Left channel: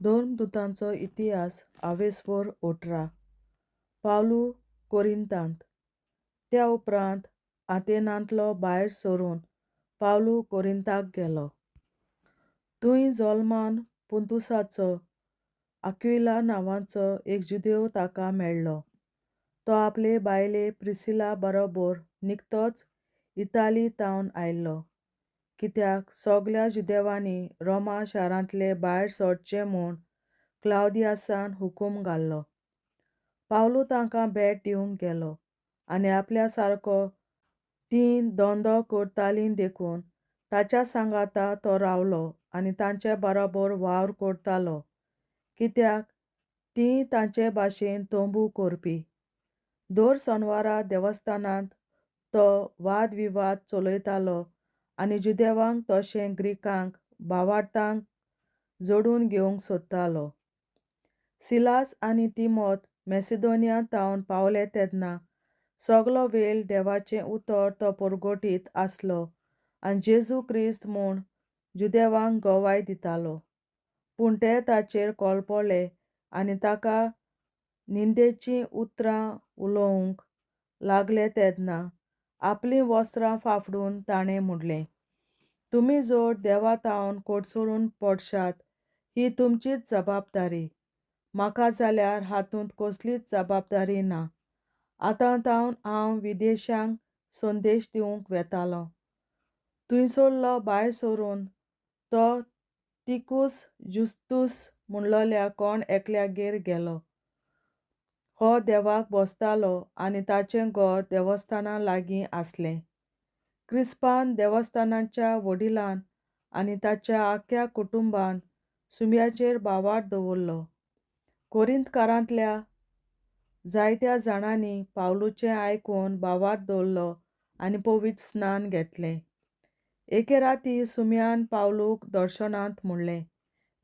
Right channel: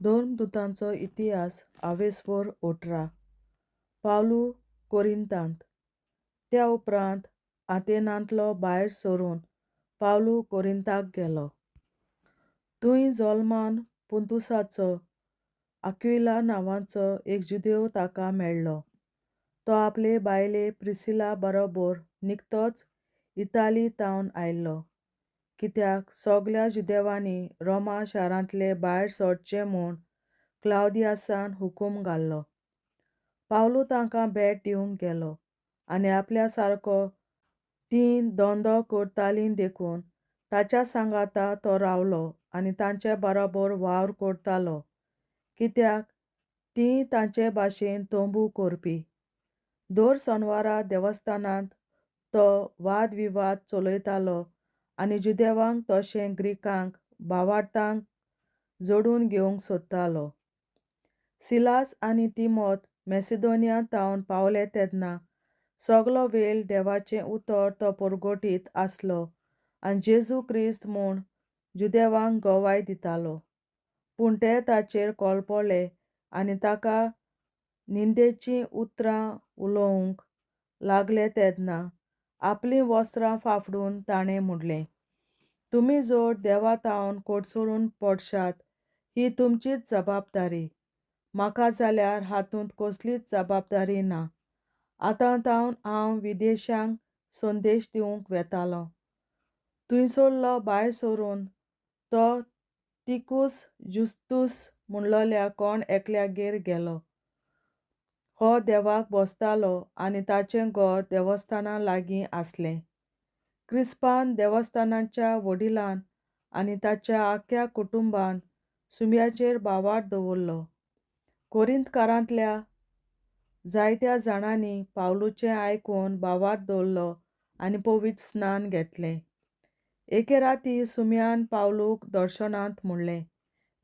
दोन दुतांचो इतिहास आवेसवर 18. पावलू कोरिंतांत. त्या उपरांत आतेनांतलो भायर सरून पावलू कोरिंताक गेलो. थंय जल्मान पुंतुसाचो आक्विला नांवाचो एक जुदेव ताका मेळ्ळो. तो आपले बायले प्रिसिला बरोबर निकतोच इताली तावन आयिल्लो, कित्याक सगल्या जुदेवांनी रोमा शारांतले भायर सरचें म्हूण क्लाउदियासान हुकूम घाल्लो. पावलू तांकां भेट दिवंक गेलो आनी आपल्या सारको तीं धंदो करतालीं देखून ताच्या सांगाता तो रावलो आनी तांचे बरोबर वावर करतालो, कित्याक तीं तांचे भाशेन तोंबू करपी. दर सोनवारा देवस्थानांत तो वादविवाद चलयतालो आनी जुदेवांक तशें ग्रीकांक भावार्थांक जोडून घेवंक सोदतालो. सिलास आनी तिमोथ मॅसिडोनिया तावन पावले तेन्ना सगलो वेळ देवाचें उतर तो परगटीत आसलो आनी जेजू क्रिस्त म्हूण जुदेवांक गोवाय दितालो. पूण ते ताचेर कोलपले आनी ताका निंदेचीं उतरां उलोवंक लागले तेन्ना आपलीं वस्त्रां फाफडून ताणें म्हणलें, तुमी जर देवा तावन कोडसरून पडशात ही तुमचीच जबाबदारी. म्हाका जाल्यार हातूंत कसलीच जबाबदारी ना. आतां तावन हांव विदेशांक संदेश दिवंक वेतालों. थंयसरलो भायर सरून तो तिकूस जुस्तुस म्हणलोल्या कोण एकल्यागेर गेलो. हो देवाक भोसतालो आनी ताचें घर देवस्थाना लागीं आसलें. क्रिस्पान देवस्थानाच्या वडिलान आनी ताच्या आख्या कुटुंबान सुम्याचेर भावार्थ दवरलो. कोरिंतकारांतल्या जायत्या जाणांनी पावलूचें आयकून भावार्थ दवरलो आनी पवित्र स्नान घेतलें. एके राती सुम्यान पावलूक दर्शनांत म्हणलें,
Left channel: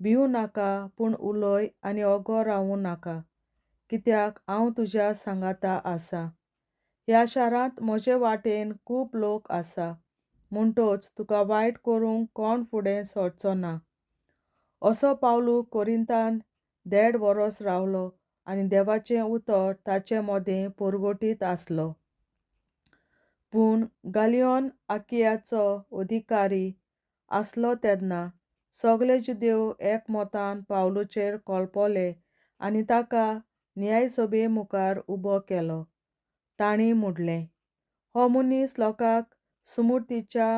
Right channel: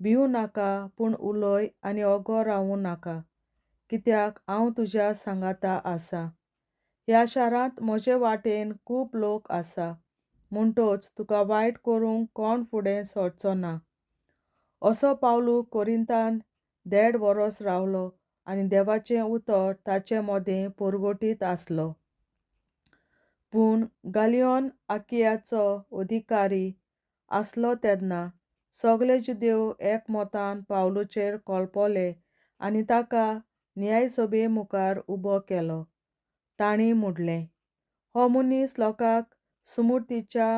भिवू नाका पूण उलय आनी ओगो रावूं नाका, कित्याक हांव तुज्या सांगाता आसां. ह्या शारांत म्हजे वाटेन खूब लोक आसा, म्हणटच तुका वायट करूंक कोण फुडें सरचो ना. असो पावलू कोरिंतांत 1.5 वरोस रावलो आनी देवाचें उतर ताचे मोदें परगटीत आसलो. पूण गालियोन आकियाचो अधिकारी आसलो तेन्ना सगळे जुदेव एकमतान पावलूचेर कोलपले आनी ताका न्यायसभे मुखार उबो केलो. तांणी म्हणलें, हो मनीस लोकांक सुमूर्तीच्या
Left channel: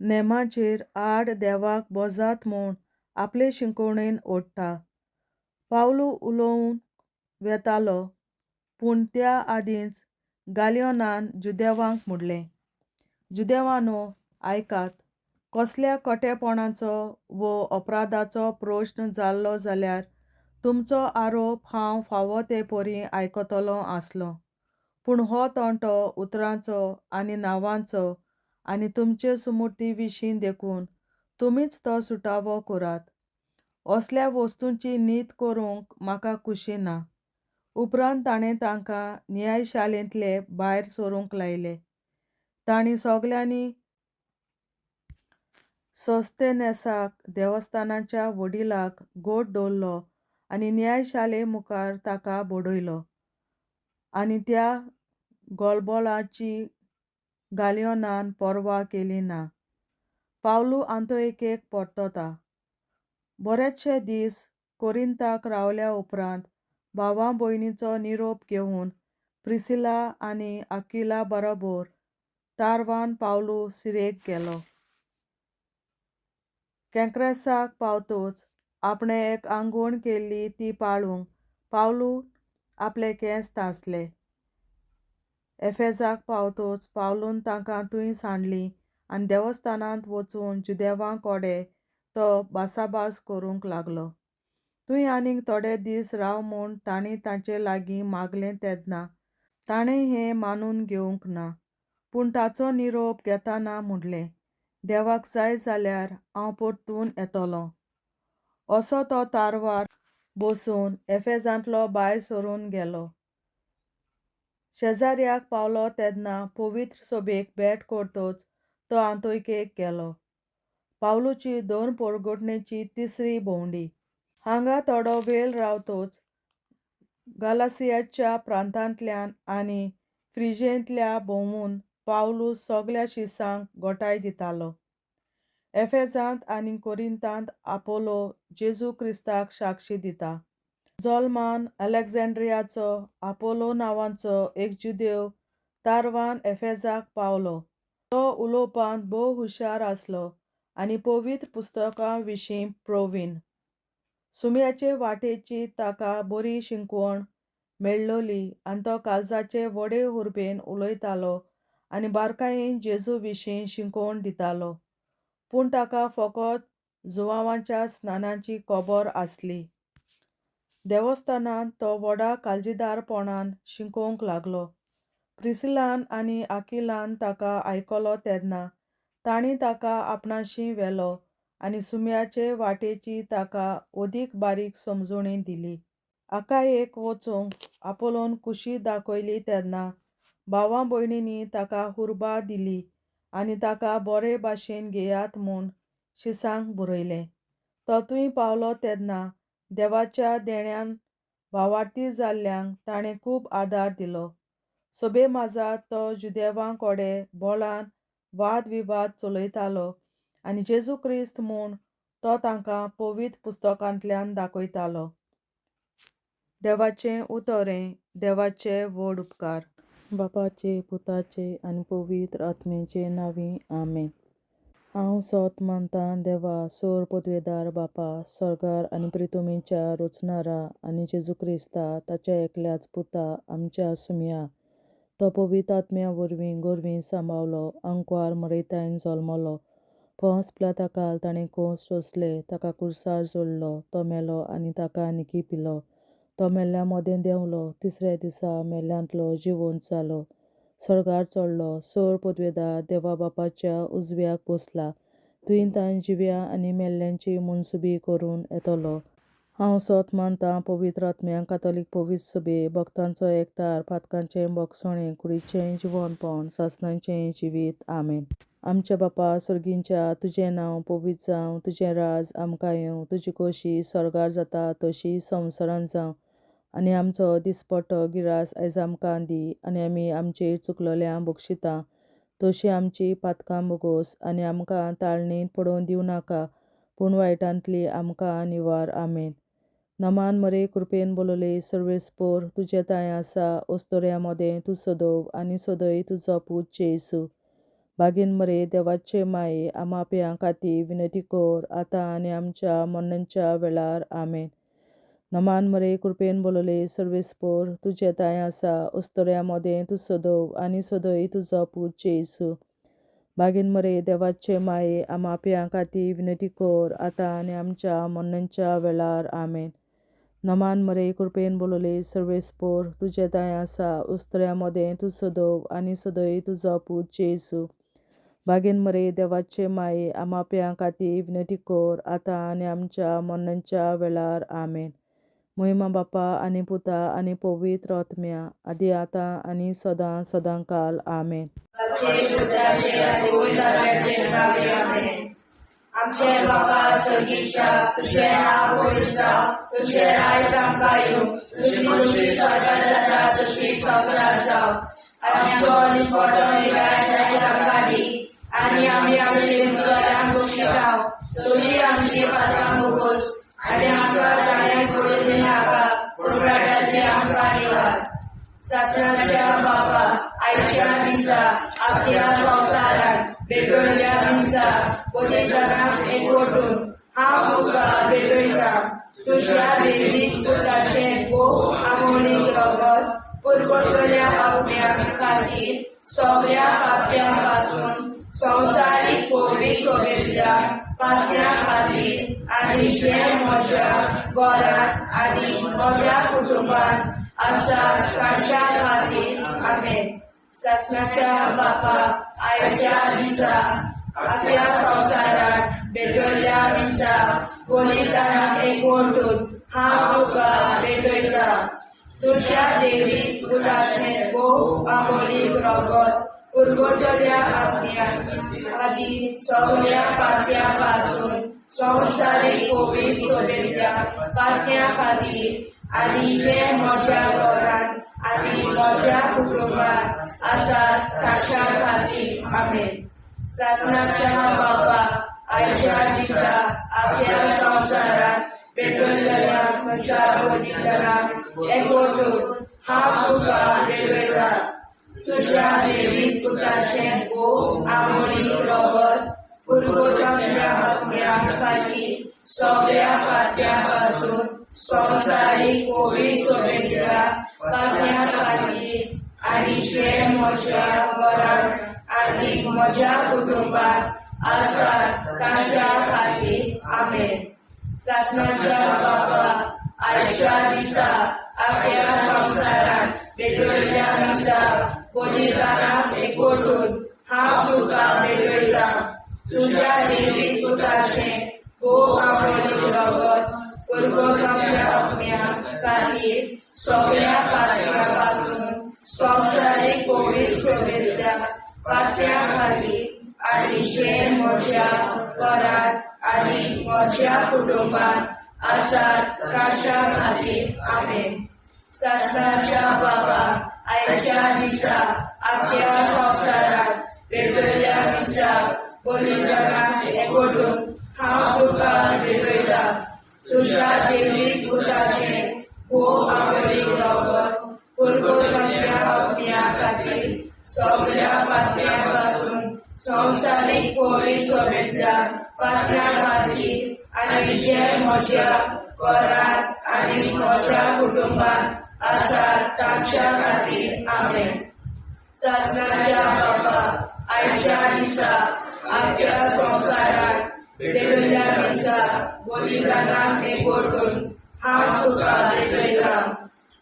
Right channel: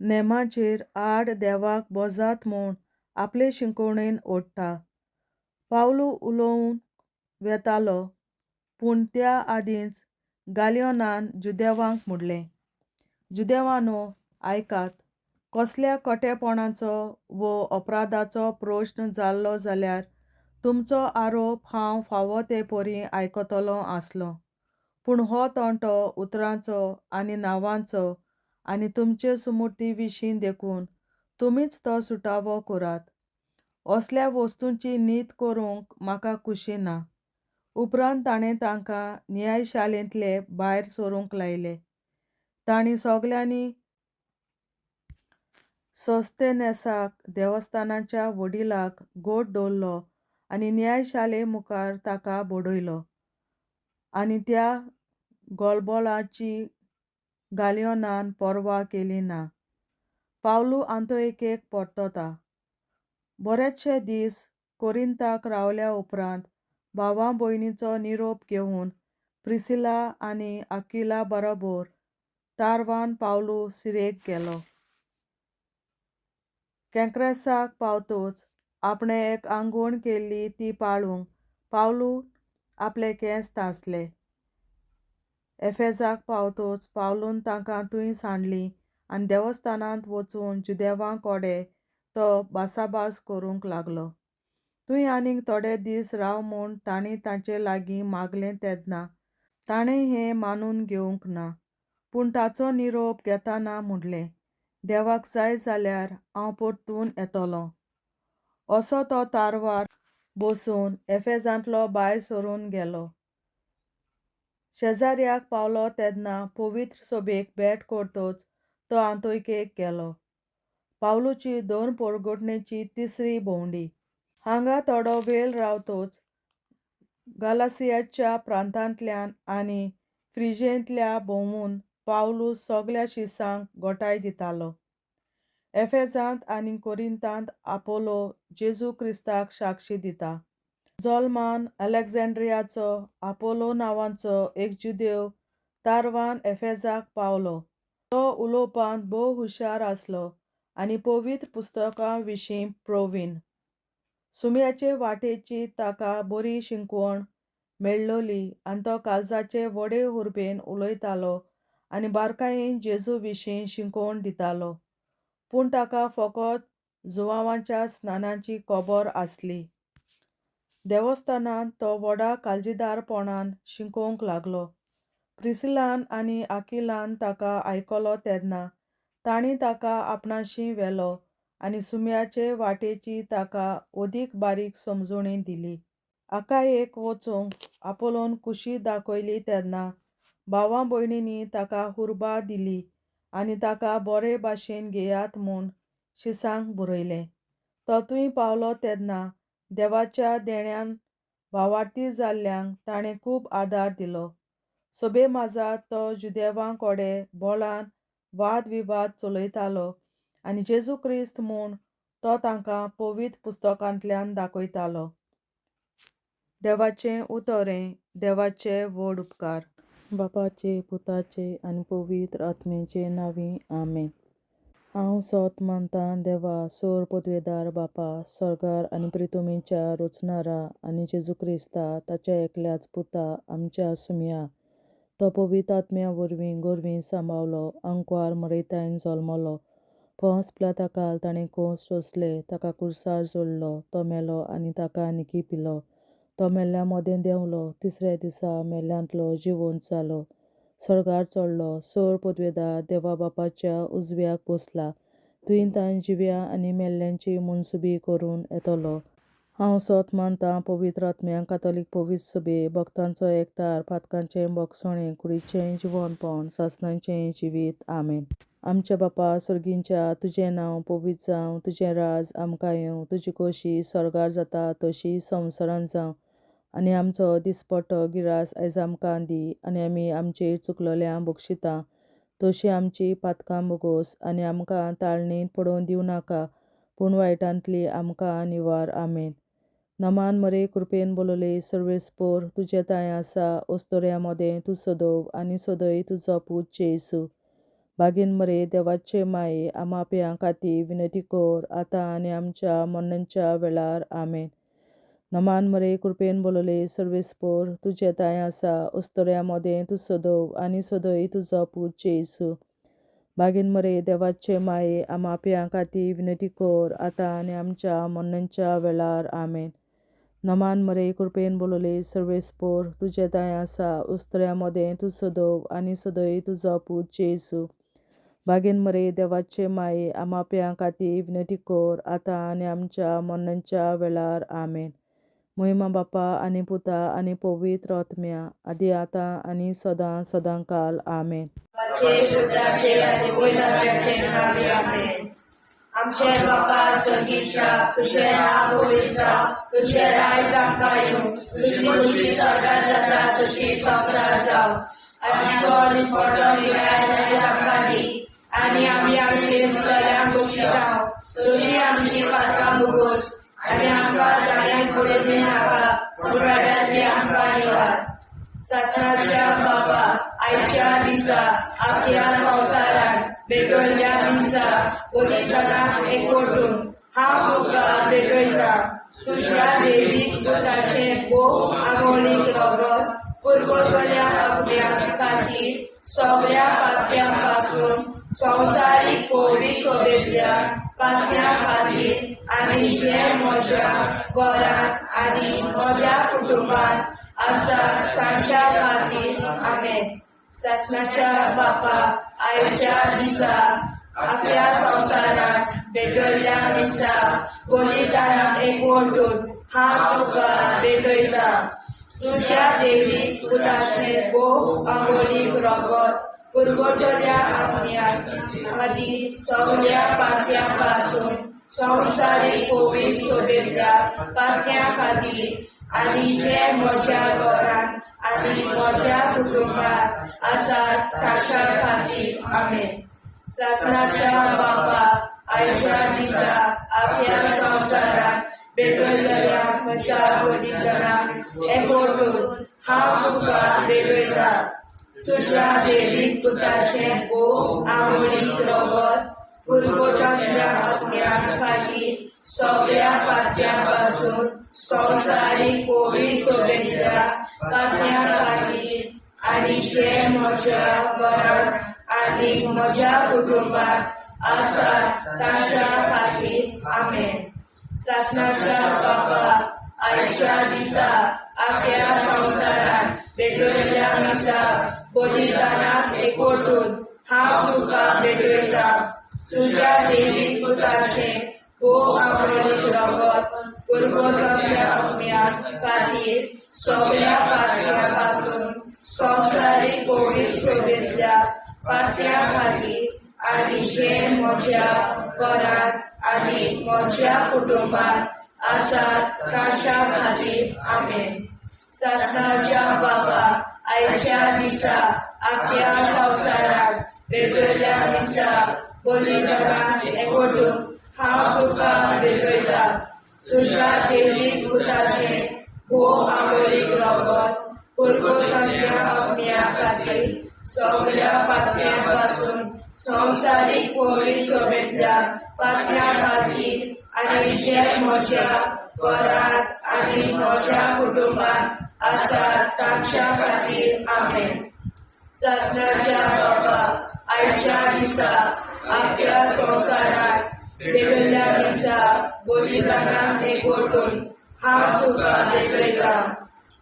नेमाचेर आड देवाक बोजात म्हूण आपले शिंकवणेन ओडटा. पावलू उलोवंक वेतालो पूण त्या आदींच गालियोनान जुदेवांक म्हणलें, जुदेवांनो आयकात, कसल्या खोटेपणाचो वो अपराधाचो प्रश्न जाल्लो जाल्यार तुमचो आरोप हांव फावो ते परी आयकतलों आसलों. पूण हो तोंटो उतरांचो आनी नांवांचो आनी तुमचे सुमूर्ती विशीं देखून तुमीच तो सुटावो करात. असल्या वस्तूंची नीत करूंक म्हाका खुशी ना. उपरांत ताणें तांकां न्यायशाळेंतले भायर सरूंक लायले. तांणी सगल्यांनी सोस्थेनेसाक देवस्थानाच्या वडिलाक गोट दवरलो आनी न्यायशाळे मुखार ताका बडयलो. आनी त्या गलबलाची गालियोनान पर्वा केली ना. पावलू आंतोएकेक परतता. बरेचशे दीस कोरिंताक रावल्या उपरांत भावां भयणीचो निरोप घेवन प्रिसिला आनी आक्विला बरोबर तारवान पावलू सिरेक गेलो. केंक्रेसाक पावतच आपणें एक आंगवण केल्ली ती पाळूंक पावलू आपले केंस तांसले. एफेसाक पावतच पावलून तांकां थंय सांडलीं आनी देवस्थानांत वचून जुदेवां कोडे तो भासाभास करूंक लागलो. थंय आनीक थोडे दीस राव म्हूण तांणी तांचे लागीं मागलें तेन्ना ताणें हें मानून घेवंक ना. पूण ताचो निरोप घेतना म्हणलें, देवाक जाय जाल्यार हांव परतून येतलों. असो तो तारवार बसून एफेसांतलो भायर सरून गेलो. शेजाऱ्याक पावलो तेन्ना पवित्र सभेक भेट करतच तो आंतोएकेक गेलो. पावलूची 2 परगटणेची तिसरी भोंवडी. हांगा थोडो वेळ रावतोच गालासियाच्या प्रांतांतल्यान आनी फ्रिजेंतल्या भोंवून पावलूस सगळ्या शिसांक गोठाय दितालो. एफेजांत आनी कोरिंतांत आपोलो जेजू क्रिस्ताक साक्षी दिता. जल्मान अलेक्झांड्रियाचो आपोलो नांवाचो एक जुदेव तारवान एफेजाक पावलो. तो उलोवपांत भोव हुशार आसलो आनी पवित्र पुस्तकां विशीं प्रवीण. सुम्याचे वाटेची ताका बरी शिकवण मेळ्ळोली आनी तो काळजाचे व्हडे उर्बेन उलयतालो आनी बारकायेन जेजू विशीं शिकवण दितालो. पूण ताका फकत जुवांवाच्या स्नानाची खबर आसली. देवस्थानांत तो व्हडा काळजीदारपणान शिकोवंक लागलो. प्रिसिलान आनी आकिलान ताका आयकलो तेन्ना तांणी ताका आपणाशी व्हेलो आनी सुम्याचे वाटेची ताका ओदीक बारीक समजुणी दिली. आकायेक वचूंक आपोलोन खुशी दाखयली तेन्ना भावां भयणींनी ताका उर्बा दिली आनी ताका बरे भाशेन घेयात म्हूण शिसांक बरयलें. तो थंय पावलो तेन्ना देवाच्या देण्यान भावार्थी जाल्ल्यांक ताणें खूब आदार दिलो. सोबे माजात तो जुदेवां कोडे बोलान वाद विवाद चलयतालो आनी जेजू क्रिस्त म्हूण तो तांकां पवित्र पुस्तकांतल्यान दाखयतालो. देवाचें उतोरें. देवाचे व्हड उपकार. बापाचे, पुताचे आनी पवित्र आत्म्याचे नांवीं आमेन. हांव सोत मानतां देवा, सोर पदवेदार बापा, सर्गार आनी पृथ्वीच्या रचणारा आनी जेजू क्रिस्ता ताच्या एकल्याच पुता आमच्या सुम्या. तो पवित्र आत्म्या वरवीं गोरवीं सांबावलो, अंकवार मरयतायन जल्मलो. पोंस पिलाताकाल ताणें कोंस सोंसले, ताका कुर्सार जोडलो, तो मेलो आनी ताका निकी पिलो. तो मेल्ल्या मोदें देंवलो, तिसऱ्या दिसा मेल्ल्यांतलो जिवंत जालो, सर्गार चडलो, सोर पदवेदार देवा बापाच्या उजव्याक बसला. थंय ताण जिव्या आनी मेल्ल्यांची मनसुबी करून येतलो. हांव सोत मानतां पवित्र आत्म्यांक, कातोलीक पवित्र सभे, भक्तांचो एकठार, पातकांचें भोगसणें, कुडीचें जिवणपण, सासणाचें जिवीत. आमेन. आमच्या बापा सर्गींच्या, तुजें नांव पवित्र जावं, तुजें राज आमकां येवं, तुजी खोशी सर्गार जाता तशी संवसारांत जावं. आनी आमचो दिसपट्टो गिरास आयज आमकां दी. आनी आमी आमचेर चुकलोल्यांक बक्षिता तशी आमची पातकां बोगोस. आनी आमकां ताळणेंत पडोवन दिवं नाका, पूण वायटांतली आमकां निवार. आमेन. नमान मरे कृपेन बोलोले सर्वेस्पोर, तुजे ताय आसा ओस्तोऱ्या मोदें तूं सदोव आनी सदय तुजो पूत जेसू. बागीन मरे देवाचे माये, आमाप्यां खातीर विनंती कर, आतां आनी आमच्या मरणाच्या वेळार. आमेन. नमान मरे कृपेन बोलोले सर्वेस्पोर, तुजे ताय आसा ओस्तोऱ्या मोदें तूं सदोव आनी सदय तुजो पूत जेसू. बागीन मरे देवाचे माये, आमाप्यां खातीर विनंती कर, आतां आनी आमच्या मरणाच्या वेळार. आमेन. नमान मरे कृपेन बोलोले सर्वेस्पोर, तुजे ताय आसा ओस्तोऱ्या मोदें तूं सदोव आनी सदय तुजो पूत जेसू. बागीन मरे देवाचे माये, आमाप्यां खातीर विनंती कर, आतां आनी आमच्या मरणाच्या वेळार. आमेन. महिमा बापा आनी पुता आनी पवित्र आत्म्या, आदी आतां आनी सदां सदांकाल. आमेन. आमचे बापा सर्गीच्या, तुझें नांव पवित्र जावं, तुझें राज आमकां येवं, तुजी खुशी स्वर्गांत जाता तशी संवसारांत जावं. आनी आमचो दिसपट्टो गिरास आयज आमकां दी. आनी आमी आमचेर चुकलोल्यांक बक्षिता तशी आमची पातकां बोगोस. आनी आमकां ताळ्यांत पडोवन दिवं नाका, पूण वायटांतली आमकां निवार. सासणाच्या बापा, आयच्या दिसा आपल्या संवसारांत भेटवयल्या दिसा पवित्रतांत एकवटून हांव तुका भेटयता. तुज्या देवीक पुताचें भोव आमोणीक रगत पुरगोसल्या आत्म्या खातीर सगळ्या पाप्यां पासून संवसारीक पवित्र सभेंतल्या पाप्यां खातीर आनी जे म्हज्या घरांत आनी म्हज्या कुटुंबांत आसा तांच्या खातीर. आमेन. सासणाच्या बापा, आयच्या दिसा आपल्या संवसारांत भेटवयल्या दिसा पवित्रतांत एकवटून हांव तुका भेटयता. तुज्या देवीक पुताचें भोव आमोणीक रगत पुरगोसल्या आत्म्या खातीर सगळ्या पाप्यां पासून संवसारीक कोवीड शुभेच्छा पातळ्या खातीर आनी जे म्हज्या घरांत आनी म्हज्या कुटुंबात आसात ताच्या खातीर आमेन. शासनाच्या बाबा आयच्या दिसा आपल्या संवसारात भेटयल्या म्हज्या बलिदानाक एकवटून हांव तुका भेटयता. तुज्या देवीक पुताचें भोव आमोणीक रगत पुरगोरच्या आत्म्या खातीर सगळ्या पात्या पासून संवसारीक कोवीड शुभेच्छा पातळ्या खातीर आनी जे म्हज्या घरांत आनी म्हज्या कुटुंबात आसात ताच्या खातीर आमेन. शासनाच्या बाबा आयच्या दिसा आपल्या संवसारात भेटयल्या दिसा बलिदानाक एकवटून हांव तुका भेटयता. तुज्या देवीक पुताचें भोव आमोणीक रगत पुरगोरच्या आत्म्या खातीर सगळ्या पात्या पासून संवसारीक कोवीड शुभेच्छा पातळ्या खातीर आनी जे म्हज्या घरांत आनी म्हज्या कुटुंबात आसात ताच्या खातीर आमेन. शासनाच्या बाबा आयच्या दिसा आपल्या संवसारात भेटयल्या दिसा बलिदानाक एकवटून हांव तुका भेटयता. तुज्या देवीक पुताचें भोव आमोणीक रगत पुरगोरच्या आत्म्या खातीर सगळ्या पात्या पासून संवसारीक कोवीड शुभेच्छा पातळ्या खातीर आनी जे म्हज्या घरांत आनी म्हज्या कुटुंबात आसात ताच्या खातीर आमेन. शासनाच्या बाबा आयच्या दिसा आपल्या संवसारात भेटयल्या दिसा बलिदानाक एकवटून हांव तुका भेटयता.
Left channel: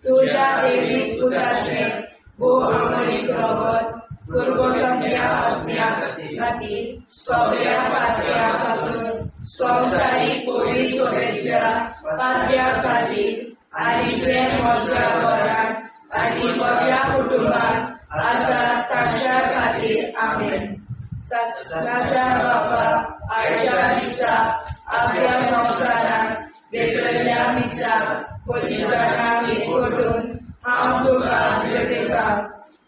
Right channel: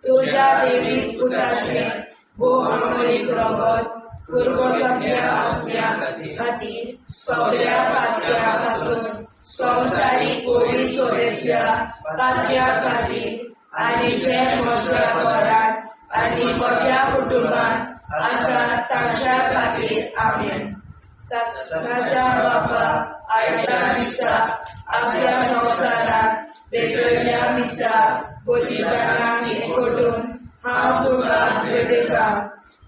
तुज्या देवीक पुताचें भोव आमोणीक रगत पुरगोरच्या आत्म्या खातीर सगळ्या पात्या पासून संवसारीक कोवीड शुभेच्छा पातळ्या खातीर आनी जे म्हज्या घरांत आनी म्हज्या कुटुंबात आसात ताच्या खातीर आमेन. शासनाच्या बाबा आयच्या दिसा आपल्या संवसारात भेटयल्या दिसा बलिदानाक एकवटून हांव तुका भेटयता.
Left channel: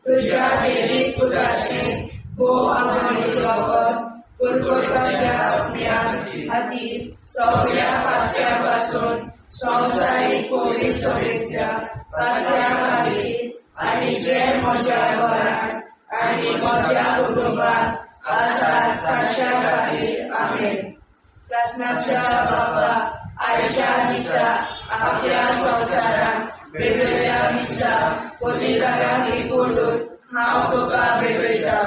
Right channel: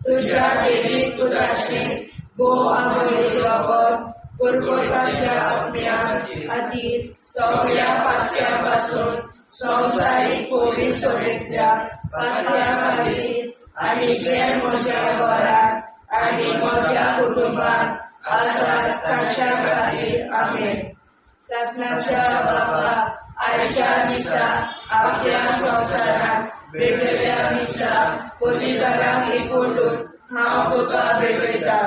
तुज्या देवीक पुताचें भोव आमोणीक रगत पुरगोरच्या आत्म्या खातीर सगळ्या पात्या पासून संवसारीक कोवीड शुभेच्छा पातळ्या खातीर आनी जे म्हज्या घरांत आनी म्हज्या कुटुंबात आसात ताच्या खातीर आमेन. शासनाच्या बाबा आयच्या दिसा आपल्या संवसारात भेटयल्या दिसा बलिदानाक एकवटून हांव तुका भेटयता.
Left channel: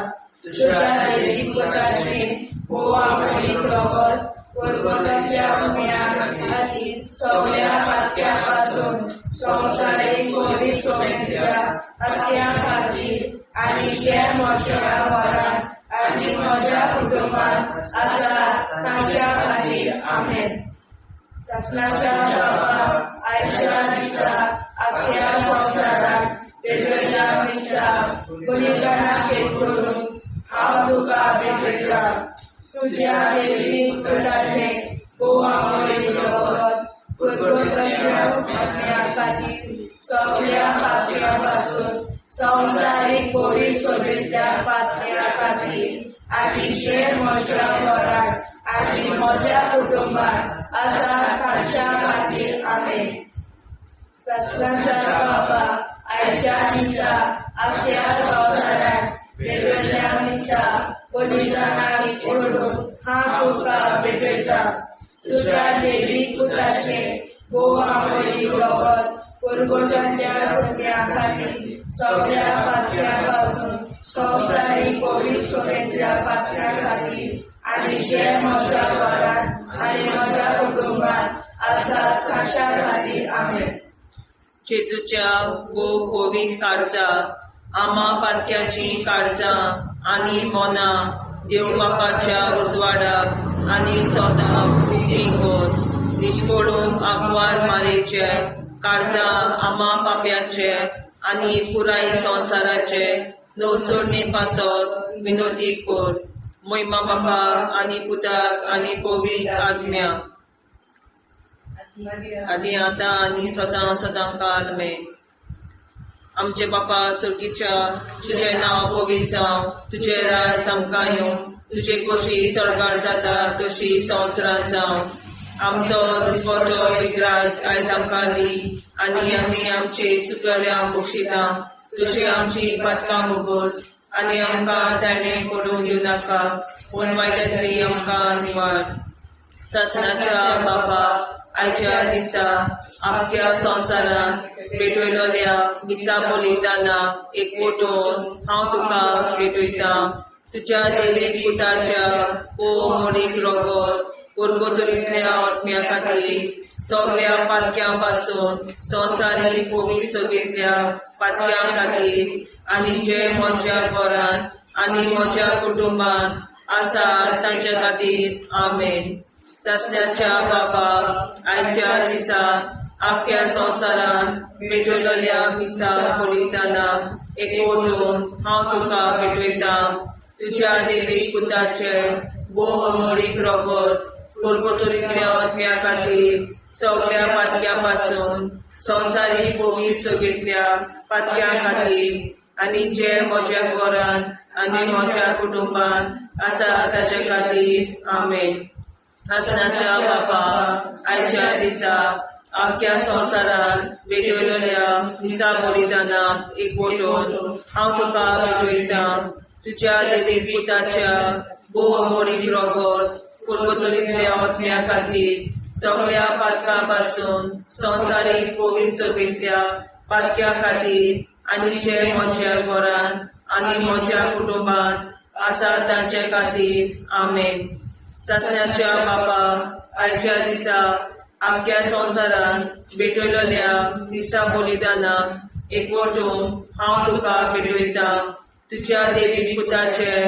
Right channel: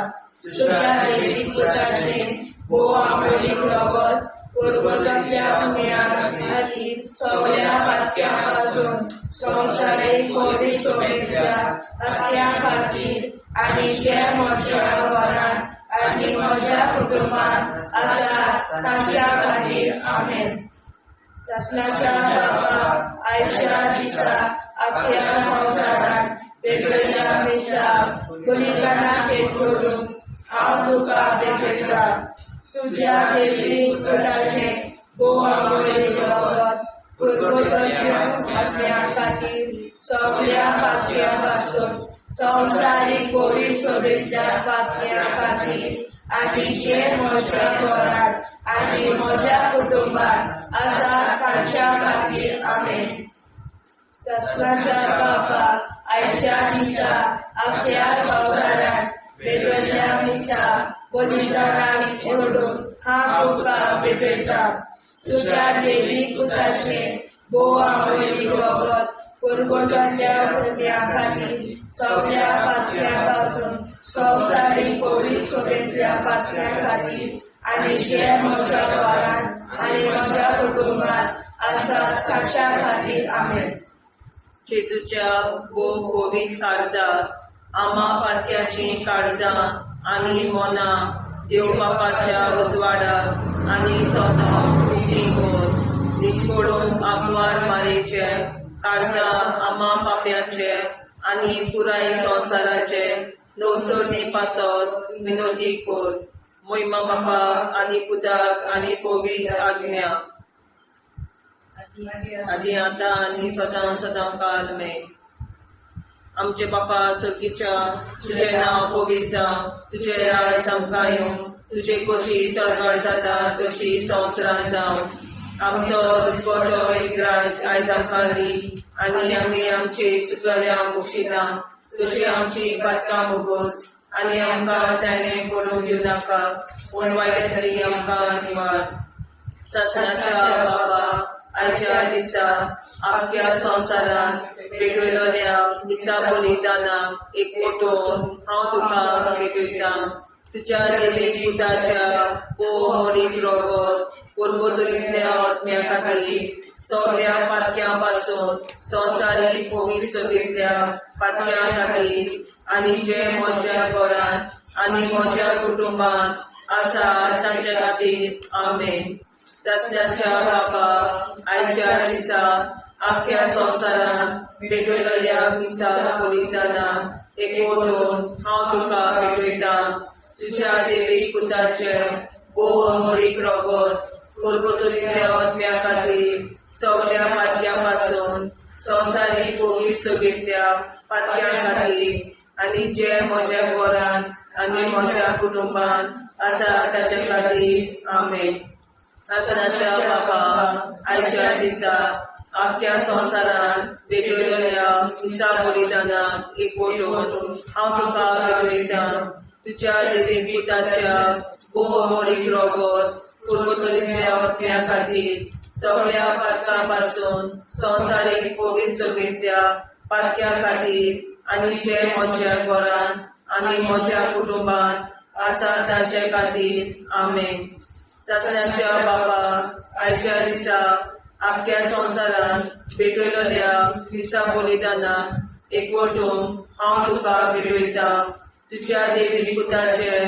तुज्या देवीक पुताचें भोव आमोणीक रगत पुरगोरच्या आत्म्या खातीर सगळ्या पात्या पासून संवसारीक कोवीड शुभेच्छा पातळ्या खातीर आनी जे म्हज्या घरांत आनी म्हज्या कुटुंबात आसात ताच्या खातीर आमेन. शासनाच्या बाबा आयच्या दिसा आपल्या संवसारात भेटयल्या दिसा बलिदानाक एकवटून हांव तुका भेटयता. तुज्या देवीक पुताचें भोव आमोणीक रगत पुरगोरच्या आत्म्या खातीर सगळ्या पात्या पासून संवसारीक कोवीड शुभेच्छा पातळ्या खातीर आनी जे म्हज्या घरांत आनी म्हज्या कुटुंबात आसात ताच्या खातीर आमेन. शासनाच्या बाबा आयच्या दिसा आपल्या संवसारात भेटयल्या दिसा बलिदानाक एकवटून हांव तुका भेटयता. तुज्या देवीक पुताचें भोव आमोणीक रगत पुरगोरच्या आत्म्या खातीर सगळ्या पात्या पासून संवसारीक कोवीड शुभेच्छा पातळ्या खातीर आनी जे म्हज्या घरांत आनी म्हज्या कुटुंबात आसात ताच्या खातीर आमेन. जेजूच्या भोव कोवीड काळजा आम्हा पातक्याची काळजां आनी मोना देव बापाच्या उजवाडाक आनी सोदाक विलीन निश्कोडून आग्वार मारेचे काळजां आम्हा पाप्याचे आनी पुराय संवसाराचे नवसोडणे पासत विनोदी कोर. मोहिमा बापा आनी पुताक आनी पवित्र आत्म्या आदी आता आनी सदां सदां काल मे आमचे बापा सर्गीच्या तुझे नाव पवित्र जावं तुझे राज आमकां येवं तुझे कशी सरकार जाता तशी संवसारांत जावं आमचो दिसवटो विग्राज आयज आमकां दी आनी आमी आमचे चुकल्यांक बक्षिता तशी आमची पातकां मुगोस आनी आमकां ताणें पडूंक दिवं नाका पूण वायट्यांतली आमकां निवार सासणाच्या बापा आयच्या दिसा आख्या संवसारांत भेटयलोल्या दिसा बलिदाना एकवटून हांव तुका भेटयता तुज्या देवीक पुताच्या मोडीक रोगोर पुर्गोतरींतल्या आत्म्या खातीर सगळ्या पातक्यां पासून संवसारीक पवित्र सभेंतल्या पातक्यां खातीर आनी जे म्हज्या घरांत आनी म्हज्या कुटुंबांत आसा तांच्या खातीर आमेन सासण्याच्या बापा आयच्या दिसा आख्या संवसारांत भेटयलोल्या दिसा बलिदाना एकवटून हांव तुका भेटयता तुज्या देवीक पुताचे मोडीक रोगोर पुर्गोतरींतल्या आत्म्या खातीर सगळ्या पातक्यां पासून संवसारीक पवित्र सभेंतल्या पातक्यां खातीर आनी जे म्हज्या घरांत आनी म्हज्या कुटुंबांत आसा ताच्या खातीर आमेन सासणाच्या बापा आयच्या दिसा आख्या संवसारांत भेटयलोल्या दिसा बलिदाना एकवटून हांव तुका भेटयता तुज्या देवीक पुताच्या मोडीक रोगोर पुर्गोतरींतल्या आत्म्या खातीर सगळ्या पातकां पासून संवसारीक पवित्र सभेंतल्या पातक्यां खातीर आनी जे म्हज्या घरांत आनी म्हज्या कुटुंबांत आसा तांचे खातीर आमेन सासण्याच्या बापा आयच्या दिसा आख्या संवसारांत भेटयलोल्या दिसा बलिदाना एकवटून हांव तुका भेटयता तुज्या देवीक पुताचे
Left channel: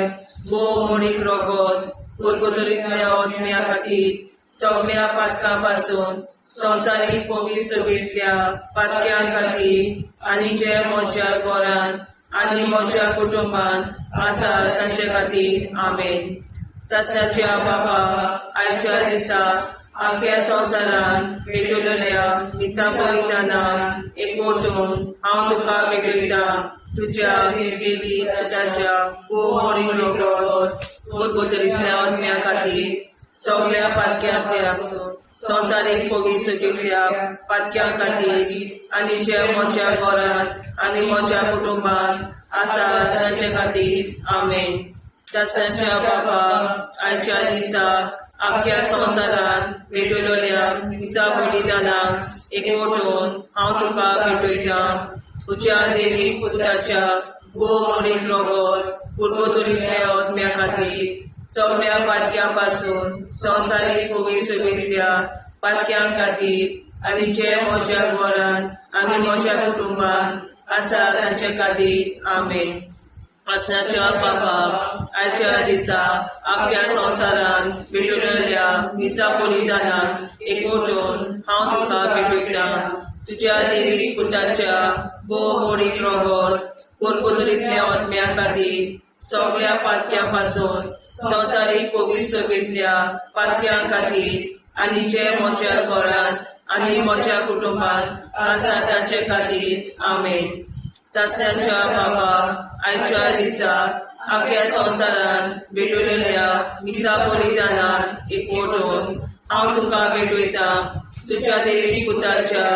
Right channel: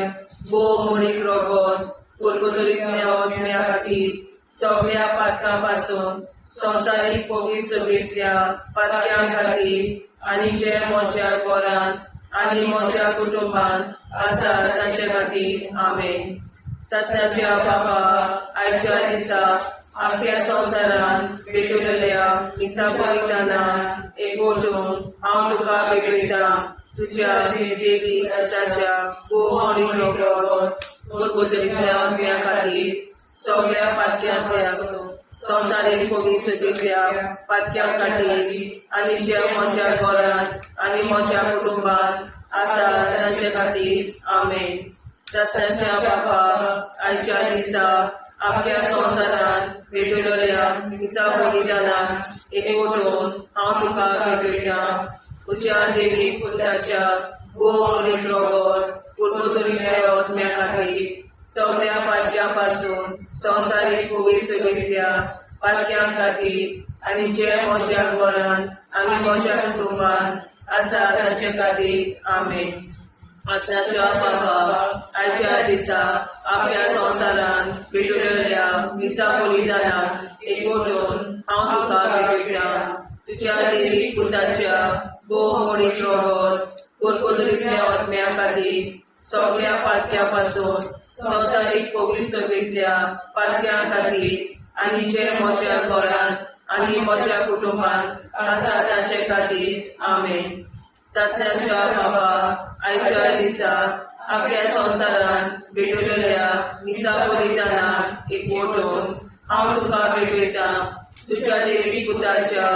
मोडीक रोगोर पुर्गोतरींतल्या आत्म्या खातीर सगळ्या पातकां पासून संवसारीक पवित्र सभेंतल्या पातक्यां खातीर आनी जे म्हज्या घरांत आनी म्हज्या कुटुंबांत आसा तांचे खातीर आमेन सासण्याच्या बापा आयच्या दिसा आख्या संवसारांत भेटयलोल्या दिसा बलिदाना एकवटून हांव तुका भेटयता तुज्या देवीक पुताच्या मोडीक रोगोर पुर्गोतरींतल्या आत्म्या खातीर सगळ्या पातक्यांतल्या संवसारीक पवित्र सभेंतल्या पातक्यां खातीर आनी जे म्हज्या घरांत आनी म्हज्या कुटुंबांत आसा तांचे खातीर आमेन सासण्याच्या बापा आयच्या दिसा आख्या संवसारांत भेटयलोल्या दिसा बलिदाना एकवटून हांव तुका भेटयता तुज्या देवीक पुताच्या मोडीक रोगोर पुर्गोतरींतल्या आत्म्या खातीर सगळ्या पातक्यां पासून संवसारीक पवित्र सभेंतल्या पातक्यां खातीर आनी जे म्हज्या घरांत आनी म्हज्या कुटुंबांत आसा तांचे खातीर आमेन सासण्याच्या बापा आयच्या दिसा आख्या संवसारांत भेटयलोल्या दिसा बलिदाना एकवटून हांव तुका भेटयता तुज्या देवीक पुताच्या मोडीक रोगोर पुर्गोतरींतल्या आत्म्या खातीर सगळ्या पातक्यां पासून संवसारीक पवित्र सभेंतल्या पातक्यां खातीर आनी जे म्हज्या घरांत आनी म्हज्या कुटुंबांत आसा तांचे खातीर आमेन सासण्याच्या बापा आयच्या दिसा आख्या संवसारांत भेटयलोल्या दिसा बलिदाना एकवटून हांव तुका भेटयता तुज्या देवीक पुताच्या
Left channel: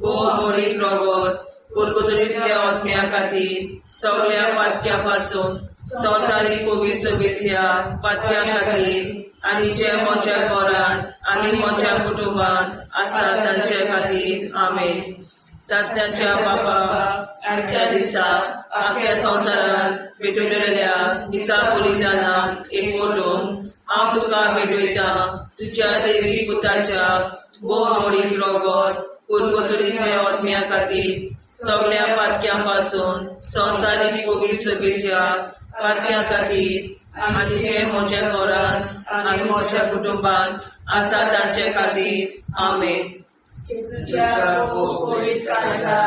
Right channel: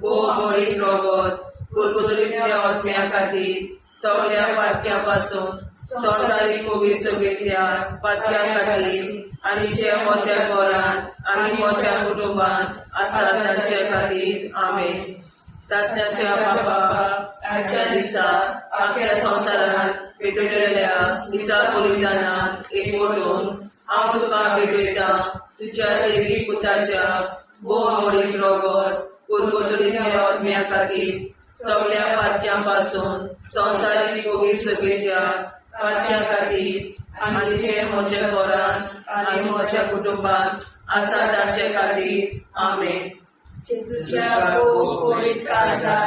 मोडीक रोगोर पुर्गोतरींतल्या आत्म्या खातीर सगळ्या पातक्यां पासून संवसारीक पवित्र सभेंतल्या पातक्यां खातीर आनी जे म्हज्या घरांत आनी म्हज्या कुटुंबांत आसा तांचे खातीर आमेन सासण्याच्या बापा आयच्या दिसा आख्या संवसारांत भेटयलोल्या दिसा बलिदाना एकवटून हांव तुका भेटयता तुज्या देवीक पुताच्या मोडीक रोगोर पुर्गोतरींतल्या आत्म्या खातीर सगळ्या पातक्यां पासून संवसारीक पवित्र सभेंतल्या पातक्यां खातीर आनी जे म्हज्या घरांत आनी म्हज्या कुटुंबांत आसा तांचे खातीर आमेन जेजूच्या पवित्र काळजा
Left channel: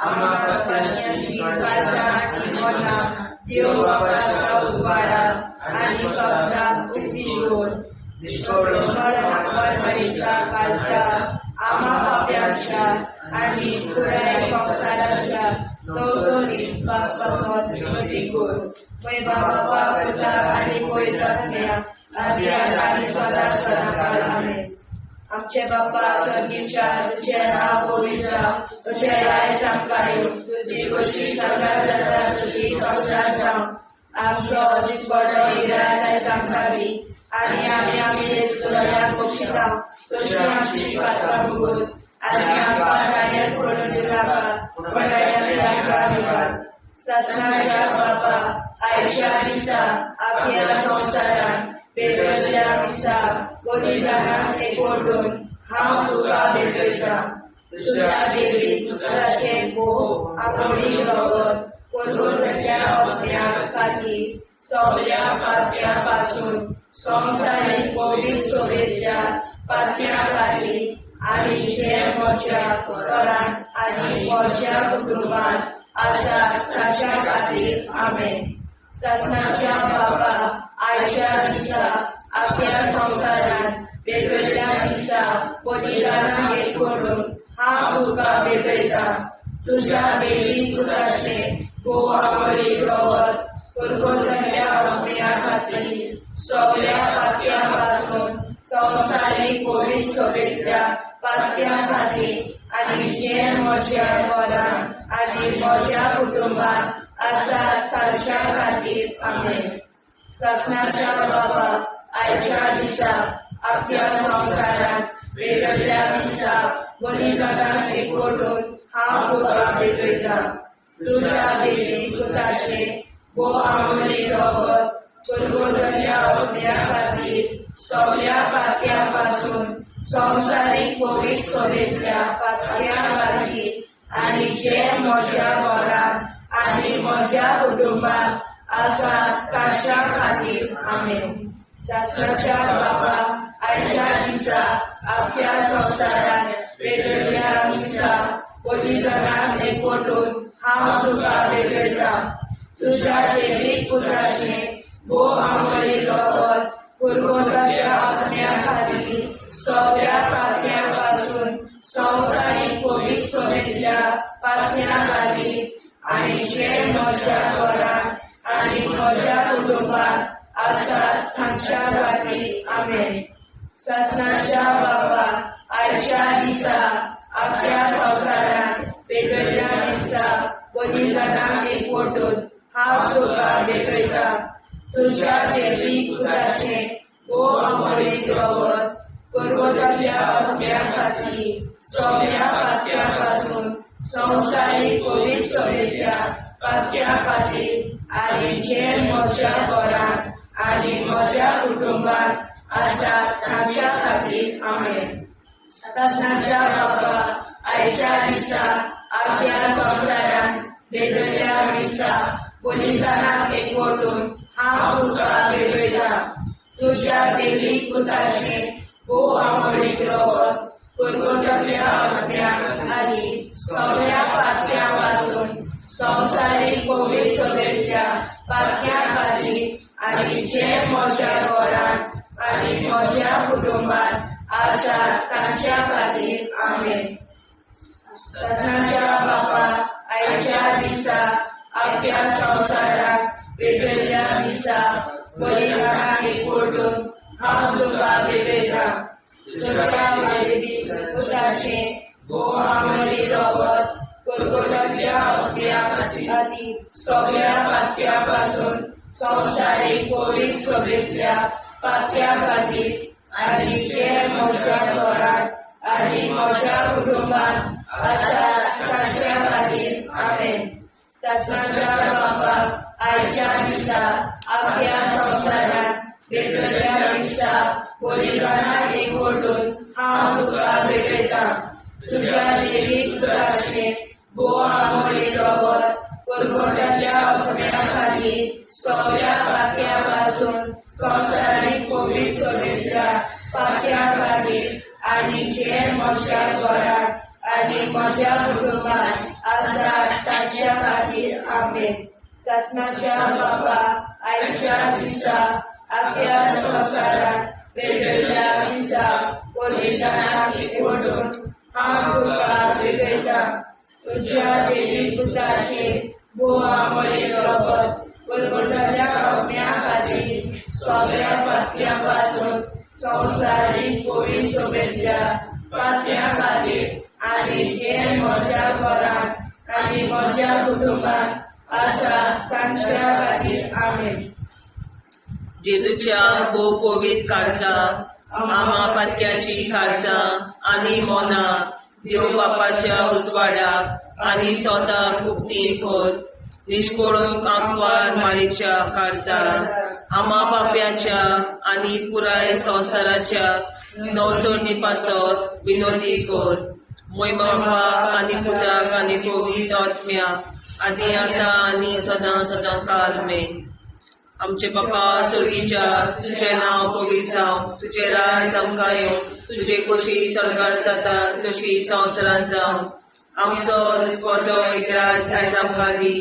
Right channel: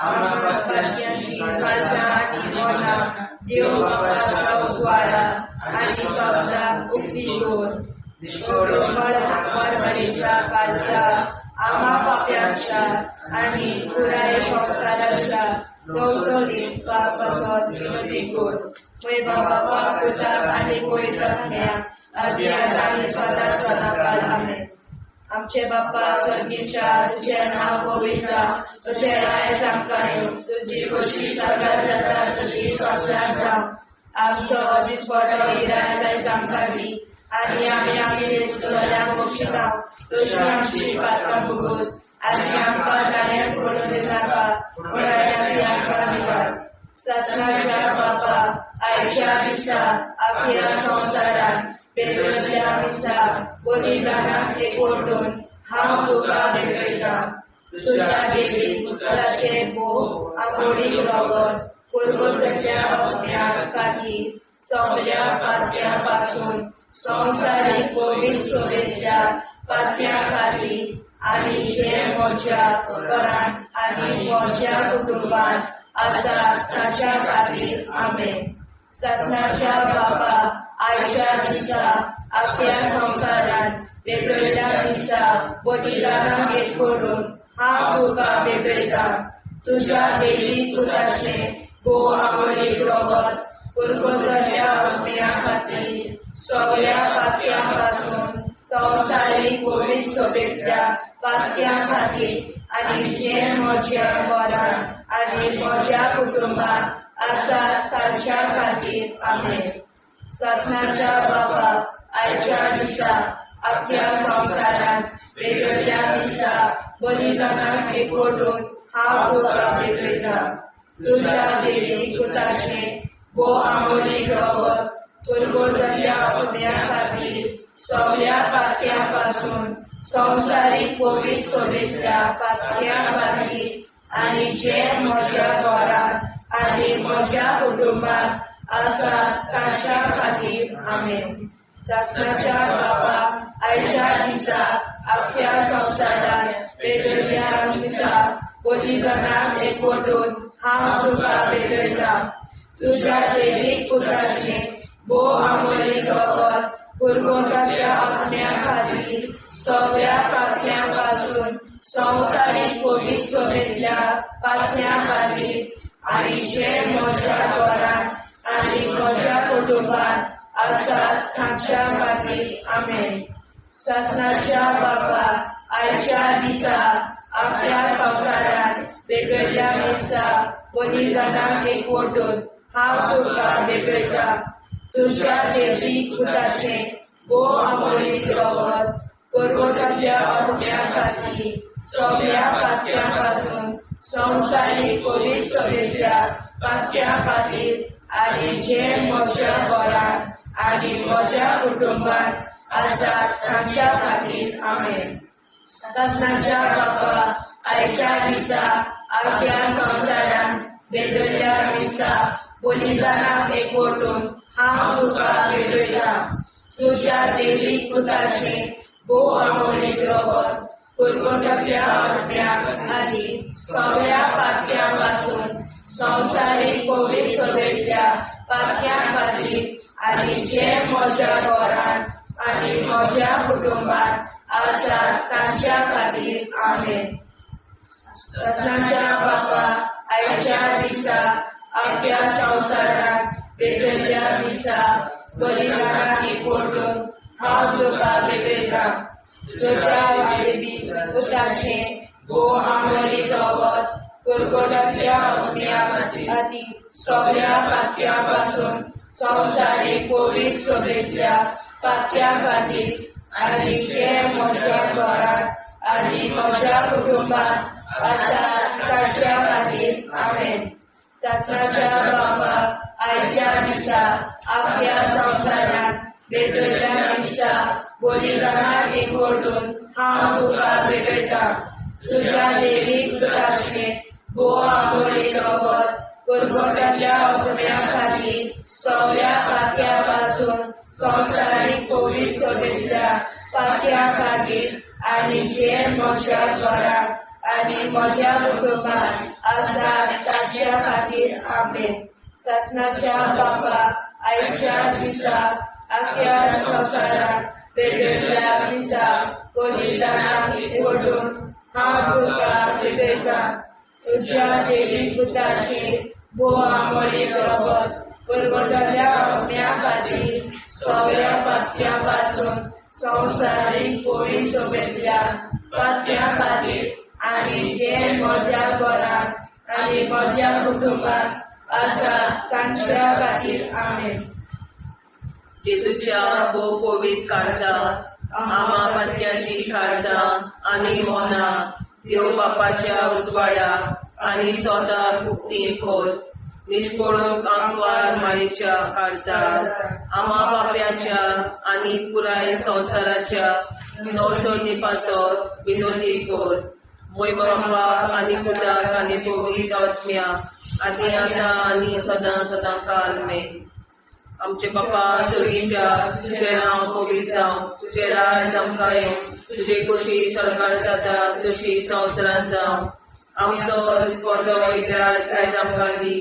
आम्हा पातक्यांची काळजा आनी मना देव बापाच्या उजवाडा आणि कपडा उगीच दोन परमेच्या कालचा आम्हा पाप्यांच्या आणि पुराय संसाराच्या नवसोनीत पापावर विनंती कर. मै बाबा पुता आणि पवित्रज्ञा आदी आणि सदा सदाकाळ आमेन. आमचे बाप्पा स्वर्गीच्या तुझे नाव पवित्र, तुझे राय जावं, तुझी कशी सगळ्यात जाता तशी संसारात जावं. आमचो दिसपट निराय सांगावी आणि आम्ही आमची सुधाऱ्या पोषिता तशी आमची पात्र बुरूज आणि आमका गाण्यात पडून दिलाका पडायला निवार. ससनाच्या बापा आयच्या दिसा आपल्या संसारात पेटवल्या दिसा बलिदानात एकवटून हांव तुका भेटयता. तुझ्या देवी पुत्राचे भोग आपली रगत पुरगोतल्या अज्ञात खातीर सगळ्या पाप्यापासून संसारीक पवित्र सोबेच्या पाप्या खातीर आणि जे म्हज्या घरांत आणि म्हज्या कुटुंबात आसा ताच्या खातीर आमेन. ससनाच्या बापा आयच्या दिसा आपल्या संसारात पेटवल्या दिसा बलिदानाक एकवटून हांव तुका भेटयता. तुझ्या देवी पुत्राचे भोग आपली रगत पुरगोतल्या अज्ञा खातीर सगळ्या पाप्यापासून संसारीक पवित्र सोबेच्या पाप्या खातीर आणि जे म्हज्या घरांत आणि म्हज्या कुटुंबात आसा ताच्या खातीर आमेन. ससनाच्या बापा आयच्या दिसा आपल्या संसारात पेटवल्या दिसा बलिदानाक एकवटून हांव तुका भेटयता. तुझ्या देवी पुत्राचे भोग आपली रगत पुरगोतल्या अज्ञा खातीर सगळ्या पाप्यापासून संसारीक पवित्र सोबेच्या पाप्या खातीर आणि जे म्हज्या घरांत आणि म्हज्या कुटुंबात आसा ताच्या खातीर आमेन. ससनाच्या बापा आयच्या दिसा आपल्या संसारात पेटवल्या दिसा बलिदानाक एकवटून हांव तुका भेटयता. तुझ्या देवी पुत्राचे भोग आपली रगत पुरगोतल्या अज्ञा खातीर सगळ्या पाप्यापासून संसारीक पवित्र सोबेच्या पाप्या खातीर आणि जे म्हज्या घरांत आणि म्हज्या कुटुंबात आसा ताच्या खातीर आमेन. ससनाच्या बापा आयच्या दिसा आपल्या संसारात पेटवल्या दिसा बलिदानाक एकवटून हांव तुका भेटयता. तुझ्या देवी पुत्राचे भोग आपली रगत पुरगोतल्या अज्ञा खातीर सगळ्या पाप्यापासून संसारीक पवित्र सोबेच्या पाप्या खातीर आणि जे म्हज्या घरांत आणि म्हज्या कुटुंबात आसा ताच्या खातीर आमेन. ससनाच्या बापा आयच्या दिसा आपल्या संसारात पेटवल्या दिसा बलिदानाक एकवटून हांव तुका भेटयता. तुझ्या देवी पुत्राचे भोग आपली रगत पुरगोतल्या अज्ञा खातीर सगळ्या पाप्यापासून संसारीक पवित्र सोबेच्या पाप्या खातीर आणि जे म्हज्या घरांत आणि म्हज्या कुटुंबात आसा ताच्या खातीर आमेन. ससनाच्या बापा आयच्या दिसा आपल्या संसारात पेटवल्या दिसा बलिदानाक एकवटून हांव तुका भेटयता. तुझ्या देवी पुत्राचे भोग आपली रगत पुरगोतल्या अज्ञा खातीर सगळ्या पाप्यापासून संसारीक पवित्र सोबेच्या पाप्या खातीर आणि जे म्हज्या घरांत आणि म्हज्या कुटुंबात आसा ताच्या खातीर आमेन. ससनाच्या बापा आयच्या दिसा आपल्या संसारात पेटवल्या दिसा बलिदानाक एकवटून हांव तुका भेटयता. तुझ्या देवी पुत्राचे भोग आपली रगत पुरगोतल्या अज्ञा खातीर सगळ्या पाप्यापासून संसारीक पवित्र सोबेच्या पाप्या खातीर आणि जे म्हज्या घरांत आणि म्हज्या कुटुंबात आसा ताच्या खातीर आमेन. ससनाच्या बापा आयच्या दिसा आख्या संवसारात पेटयल्या दिसा कोलिदानाक एकवटून हांव तुका भेटयता तुज्या देवी पुताचे भोव आमोणे रगत परबताच्या पावण्या खातीर सगळ्या पात्या पासून संवसारीक कोळी सगळ्या पात्या खातीर आनी जे म्हज्या घरांत आनी म्हज्या कुटुंबात आसा तांच्या खातीर आमेन. जेजूच्या भोव पवित्र काळजा आमा पात्याची काळजा आनी मोना देव बापाच्या उजवाडाक आनी स्वता मुक्ती खोल निष्पळून आंकवार माळेच्या काळजात आमा बाप्याच्या आनी पुराय संवसाराच्या नवसोनी पासत विनोदी कोर मोय बापाक आनी पुताक आनी पवित्र आत्म्याक आनी आतां आनी सदां सदां काल मे. आमचे बापा सर्गीच्या तुझे नांव पवित्र जावं तुझे राज आमकां येवं तुझे कशी सरकार जाता तशी संवसारांत जावं. आमचो दिसपटो एकदांच आयज आमकां दी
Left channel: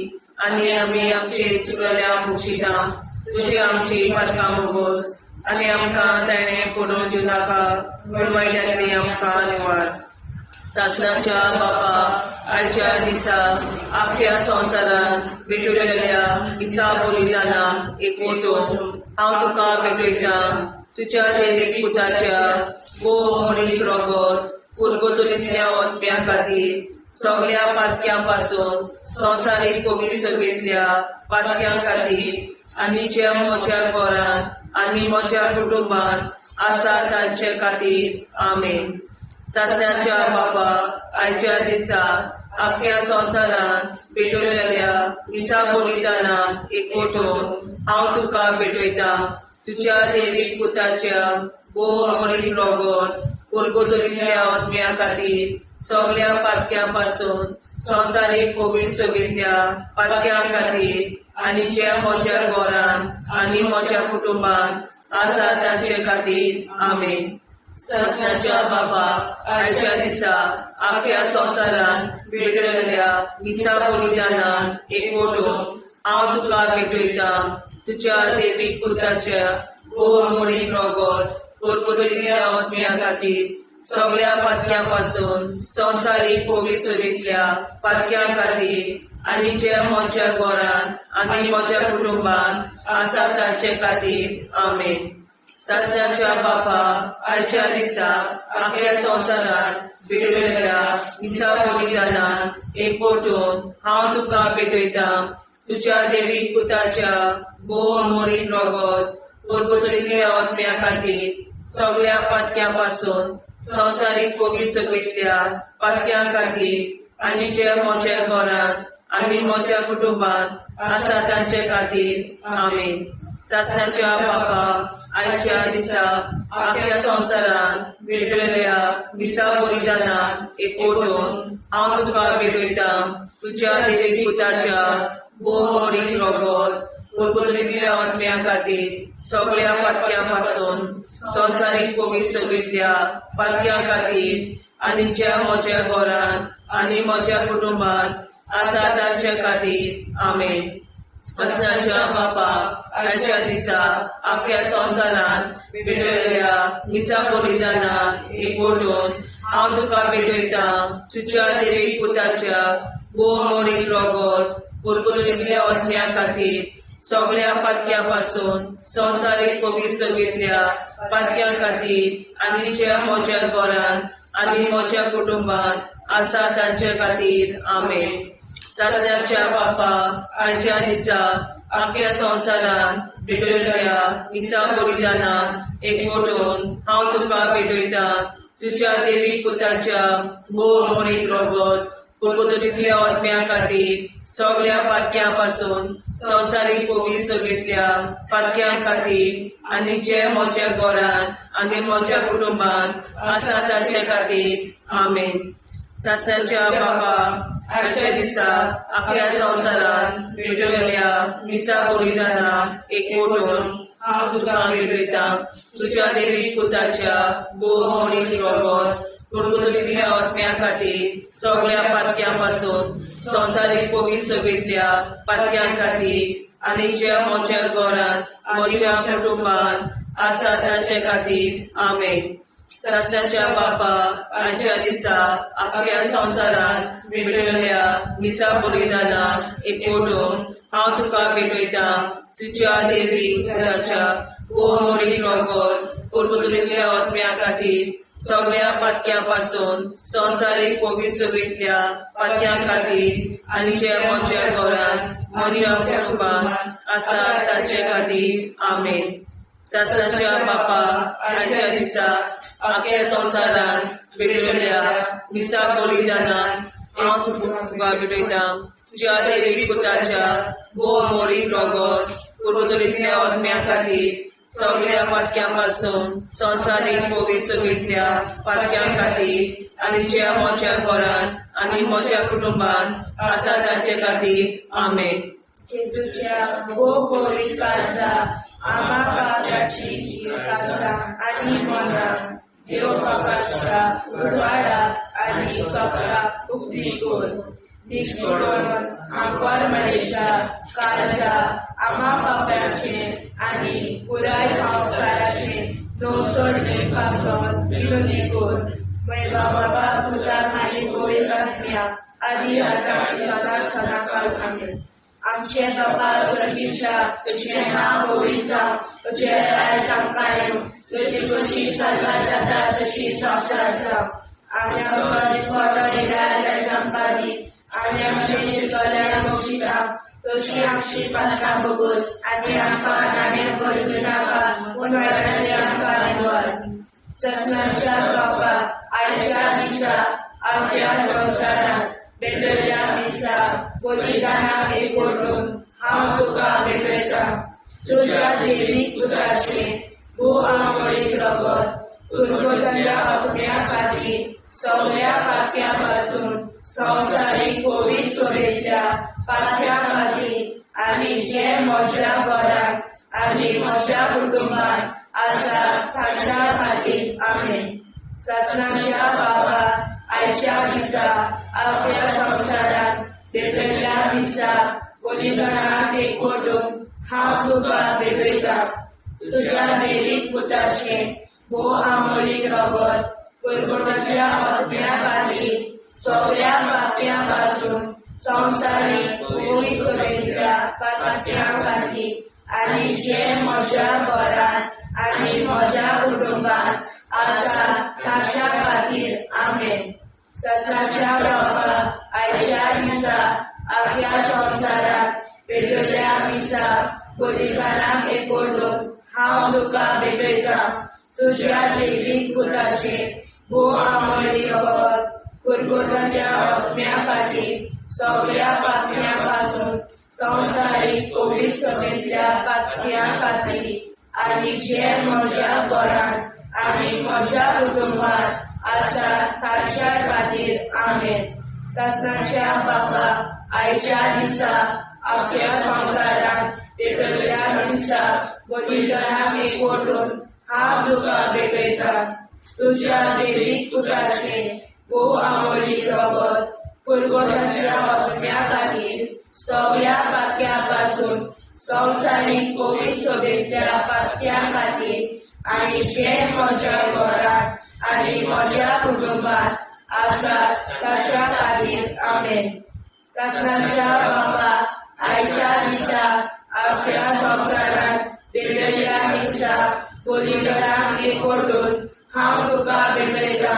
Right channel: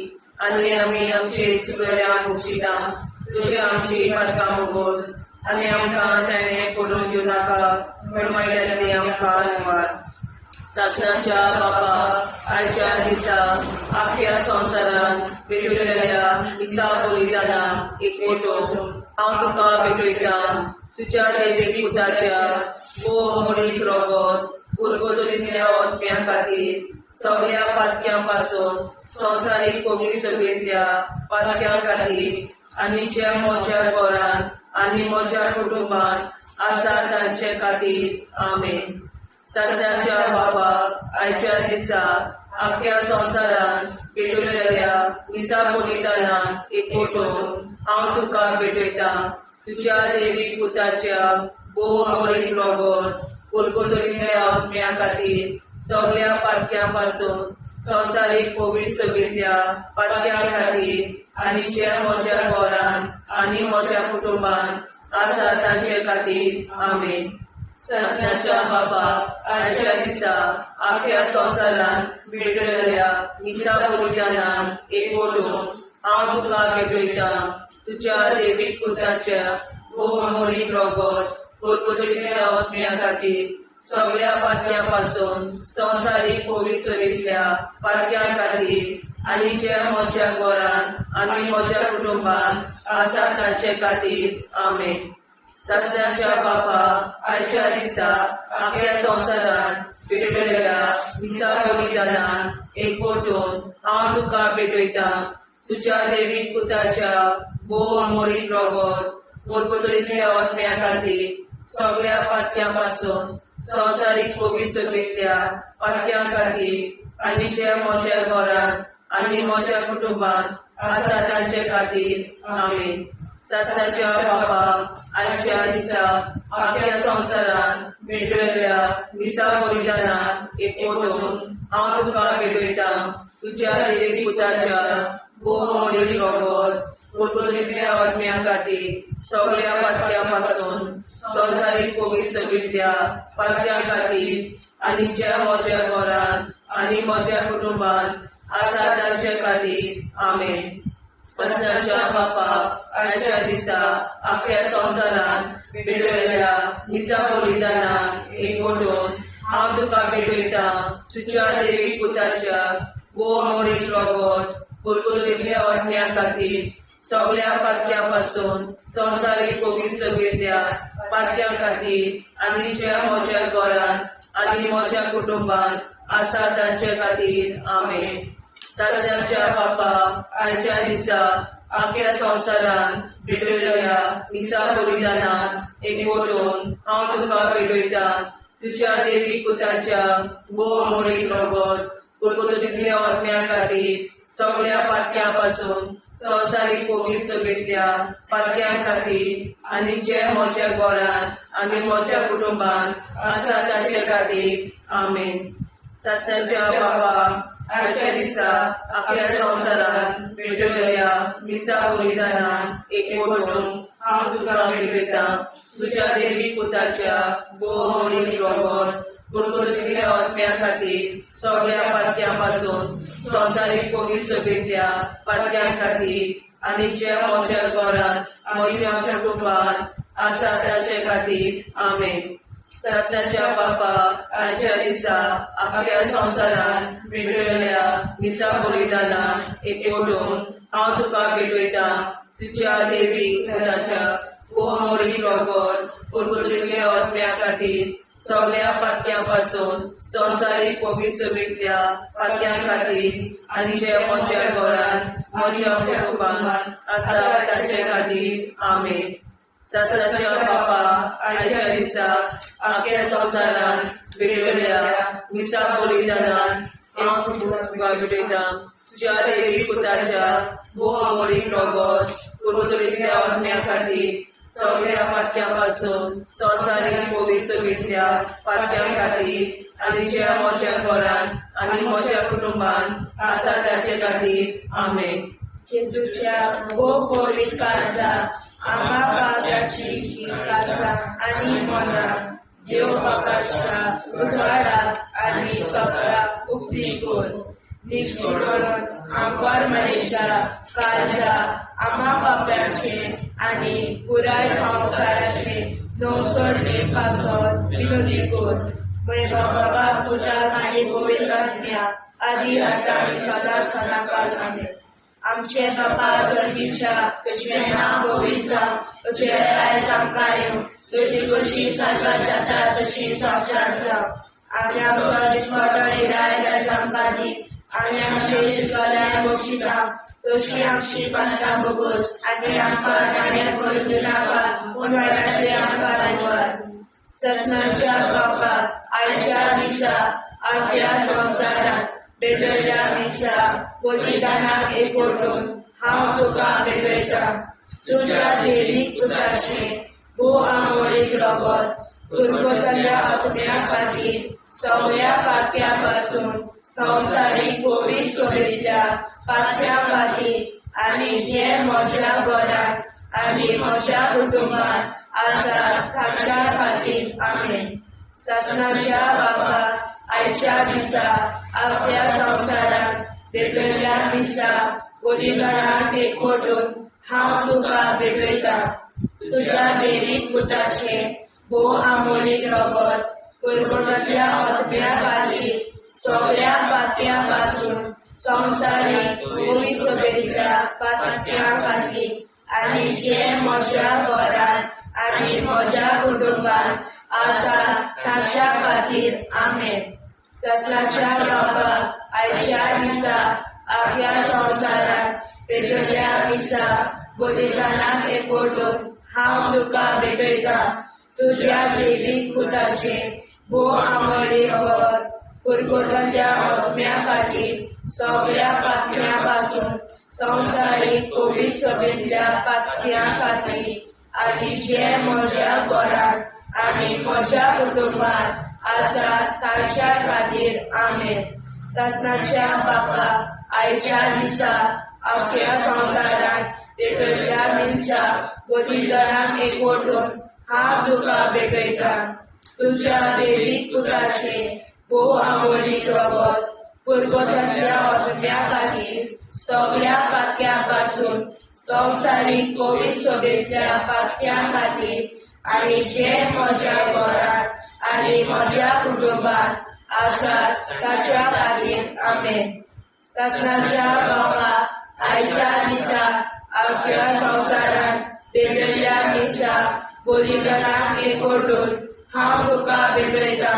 आनी आमी आमचे चुकल्यांक मुशिता तुझे आमची पातकां मोगोस आनी आमकां ताणें पडून दिवं नाका वायट्यांतली आमकां निवाड. सासणाच्या बापा आयच्या दिसा आख्या संवसारांत भेटयलेल्या दिसा बलिदानाक एकवटून हांव तुका भेटयता तुज्या देवीक पुताच्या भोव मोडीक रगत पुरगतुलींतल्या आत्म्या खातीर सगळ्या पातक्यां पासून संवसारीक पवित्र सगळेंतल्या पातक्यां खातीर आनी जे म्हज्या घरांत आनी म्हज्या कुटुंबांत आसा तांचे खातीर आमेन. सासणाच्या बाबा आयच्या दिसा आख्या संवसारांत भेटयलेल्या दिसा बलिदानाक एकवटून हांव तुका भेटयता तुज्या देवीक पुताच्या भोव मोडीक रगत पुरगतुलींतल्या आत्म्या खातीर सगळ्या पातक्यां पासून संवसारीक पवित्र सगळेंतल्या पातक्यां खातीर आनी जे म्हज्या घरांत आनी म्हज्या कुटुंबांत आसा तांचे खातीर आमेन. सासणाच्या बाबा आयच्या दिसा आख्या संवसारांत भेटयलेल्या दिसा बलिदानाक एकवटून हांव तुका भेटयता तुज्या देवीक पुताच्या भोव मोडीक रगत पुरगतुलींतल्या आत्म्या खातीर सगळ्या पातक्यां पासून संवसारीक पवित्र सगळेंतल्या पातक्यां खातीर आनी जे म्हज्या घरांत आनी म्हज्या कुटुंबांत आसा तांचे खातीर आमेन. सासणाच्या बापा आयच्या दिसा आख्या संवसारांत भेटयलेल्या दिसा बलिदानाक एकवटून हांव तुका भेटयता तुज्या देवीक पुताच्या भोव मोडीक रगत पुरगतुलींतल्या आत्म्या खातीर सगळ्या पातक्यां पासून संवसारीक पवित्र सगळेंतल्या पातक्यां खातीर आनी जे म्हज्या घरांत आनी म्हज्या कुटुंबांत आसा तांचे खातीर आमेन. सासणाच्या बापा आयच्या दिसा आख्या संवसारांत भेटयलेल्या दिसा बलिदानाक एकवटून हांव तुका भेटयता तुज्या देवीक पुताच्या भोव मोडीक रगत पुरगतुलींतल्या आत्म्या खातीर सगळ्या पातक्यां पासून संवसारीक पवित्र सगळेंतल्या पातक्यां खातीर आनी जे म्हज्या घरांत आनी म्हज्या कुटुंबांत आसा तांचे खातीर आमेन. सासणाच्या बापा आयच्या दिसा आख्या संवसारांत भेटयलेल्या दिसा बलिदानाक एकवटून हांव तुका भेटयता तुज्या देवीक पुताच्या भोव मोडीक रगत पुरगतुलींतल्या आत्म्या खातीर सगळ्या पातक्यां पासून संवसारीक पवित्र सगळेंतल्या पातक्यां खातीर आनी जे म्हज्या घरांत आनी म्हज्या कुटुंबांत आसा तांचे खातीर आमेन. सासणाच्या बापा आयच्या दिसा आख्या संवसारांत भेटयलेल्या दिसा बलिदानाक एकवटून हांव तुका भेटयता तुज्या देवीक पुताच्या भोव मोडीक रगत पुरगतुलींतल्या आत्म्या खातीर सगळ्या पातक्यां पासून संवसारीक पवित्र सगळेंतल्या पातक्यां खातीर आनी जे म्हज्या घरांत आनी म्हज्या कुटुंबांत आसा तांचे खातीर आमेन. सासणाच्या बापा आयच्या दिसा आख्या संवसारांत भेटयलेल्या दिसा बलिदानाक एकवटून हांव तुका भेटयता तुज्या देवीक पुताच्या भोव मोडीक रगत पुरगतुलींतल्या आत्म्या खातीर सगळ्या पातक्यां पासून संवसारीक पवित्र सगळेंतल्या पातक्यां खातीर आनी जे म्हज्या घरांत म्हज्या कुटुंबान आसा ताचे खातीर आमेन. सस्त्याच्या बापा आयच्या दिसा आपल्या संवसारान भेटयल्या दिसा बलिदानाक एकवटून हांव तुका भेटयता तुज्या देवी घराच्या मोडीक रगत परतुलेल्या आत्म्या खातीर सगळ्या पातक्यां पासून संवसारीक पवित्रतेंतल्या पातक्यां खातीर आनी जे म्हज्या घरांत म्हज्या कुटुंबान आसा ताचे खातीर आमेन. सस्त्याच्या बापा आयच्या दिसा आपल्या संवसारान भेटयल्या दिसा बलिदानान हांव तुका भेटयता तुज्या देवी पुताच्या मोडीक रगत परतुलेल्या आत्म्या खातीर सगळ्या पातक्यां पासून संवसारीक पवित्रतेंतल्या पातक्यां खातीर आनी जे म्हज्या घरांत आनी म्हज्या कुटुंबान आसा ताचे खातीर आमेन. जेजूच्या गोगोली काळजा आम्हा पाप्याची काळजा आनी मनाक देव प्रकाशा उजवाडा आनी सपला उक्ती कोर. निष्ठुरपण आमकां मेळच्या काळजा आम्हा पाप्याचे आनी पुराय संवसाराचे नवसोडणे पासत विनोदी कोर. बाबा पुताक आनी पवित्र आत्म्या आदी आतां आनी सदांच सदांकाळ आमेन. आमचे बाबा सर्गीच्या तुझे नाव पवित्र तुझे राय आमकां तुझी कशी साजरा जाता तशी संवसारांत जावं. आनी आमकां दिसपट्टो इराय आमकां दी आनी आमचे शिकल्या बक्षिता तशी आमची प्रार्थना बगोस आनी आमकां नाणे पडूं नाका पूण वाटायले आमकां धन्यवाद. सत्नाच्या बापा आयच्या दिसा आपल्या संवसारांत भेटयल्या दिसा बलिदानाक एकवटून हांव तुका भेटयता तुज्या देवीक पुताचे मोडीक रगत परतुलेल्या आत्म्या खातीर सगळ्या पातक्यां पासून संवसारीक पवित्रतेंतल्या पातक्यां खातीर आनी जे म्हज्या घरांत आनी म्हज्या कुटुंबान आसा ताच्या खातीर आमेन. सत्नाच्या बापा आयच्या दिसा आपल्या संवसारांत भेटयल्या दिसा बलिदानाक एकवटून हांव तुका भेटयता तुज्या देवीक पुताचे मोडीक रगत परतुलेल्या आत्म्या खातीर सगळ्या पातक्यां पासून संवसारीक पवित्रतेंतल्या पातक्यां खातीर आनी जे म्हज्या घरांत आनी म्हज्या कुटुंबान आसा ताच्या खातीर आमेन. सत्नाच्या बापा आयच्या दिसा आपल्या संवसारांत भेटयल्या दिसा बलिदानाक एकवटून हांव तुका भेटयता तुज्या देवीक पुताचे मोडीक रगत परतुलेल्या आत्म्या खातीर सगळ्या पातक्यां पासून संवसारीक पवित्रतेंतल्या पातक्यां खातीर आनी जे म्हज्या घरांत आनी म्हज्या कुटुंबान आसा ताच्या खातीर आमेन. सत्नाच्या बापा आयच्या दिसा आपल्या संवसारांत भेटयल्या दिसा बलिदानाक एकवटून हांव तुका भेटयता तुज्या देवीक पुताचे मोडीक रगत परतुलेल्या आत्म्या खातीर सगळ्या पातक्यां पासून संवसारीक पवित्रतेंतल्या पातक्यां खातीर आनी जे म्हज्या घरांत आनी म्हज्या कुटुंबान आसा ताच्या खातीर आमेन. सत्नाच्या बापा आयच्या दिसा आपल्या संवसारांत भेटयल्या दिसा बलिदानाक एकवटून हांव तुका भेटयता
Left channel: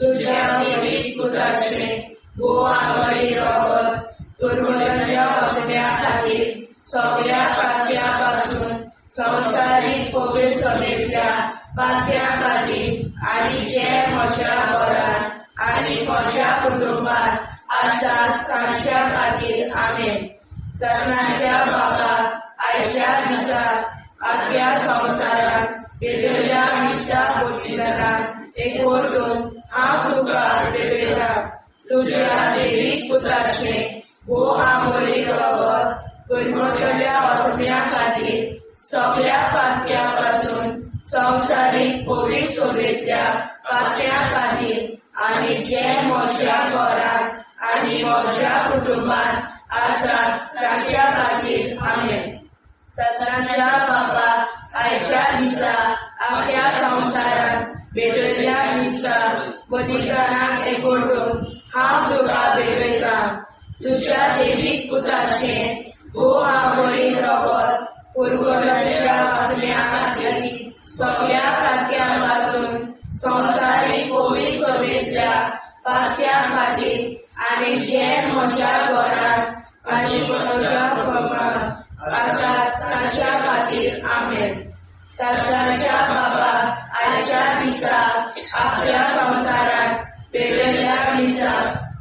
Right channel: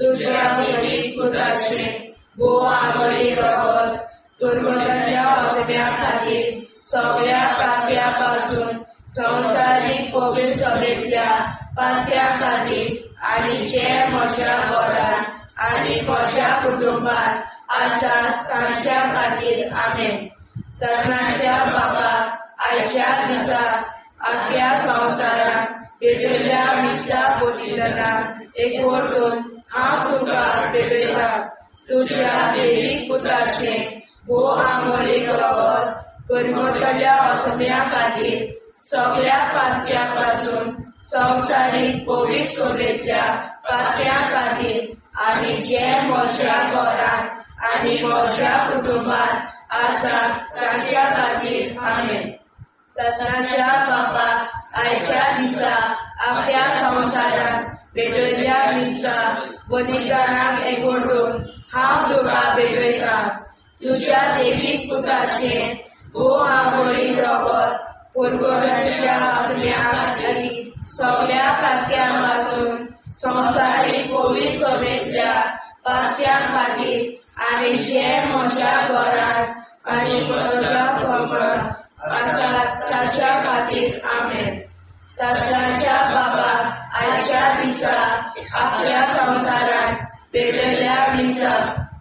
तुज्या देवीक पुताचे मोडीक रगत परतुलेल्या आत्म्या खातीर सगळ्या पातक्यां पासून संवसारीक पवित्रतेंतल्या पातक्यां खातीर आनी जे म्हज्या घरांत आनी म्हज्या कुटुंबान आसा ताच्या खातीर आमेन. सत्नाच्या बापा आयच्या दिसा आपल्या संवसारांत भेटयल्या दिसा बलिदानाक एकवटून हांव तुका भेटयता तुज्या देवीक पुताचे मोडीक रगत परतुलेल्या आत्म्या खातीर सगळ्या पातक्यां पासून संवसारीक पवित्रतेंतल्या पातक्यां खातीर आनी जे म्हज्या घरांत आनी म्हज्या कुटुंबान आसा ताच्या खातीर आमेन. ससनाच्या बापाक आयच्या दिसा आपल्या संसारात भेटयल्या दिसता बलिदानाक एकवटून हांव तुका भेटयता तुझ्या देवीक पुताचे आंघोळीक रगत पुरगोट्याच्या बातम्या खातीर सगळ्या खात्यांपासून संवसारीक पवित्र सभेच्या पात्या खातीर आनी जे म्हज्या घरांत आनी म्हज्या पंगडांत आसात ताच्या खातीर आमेन. ससनाच्या बापाक आयच्या दिसा आपल्या संसारात भेटयल्या दिसा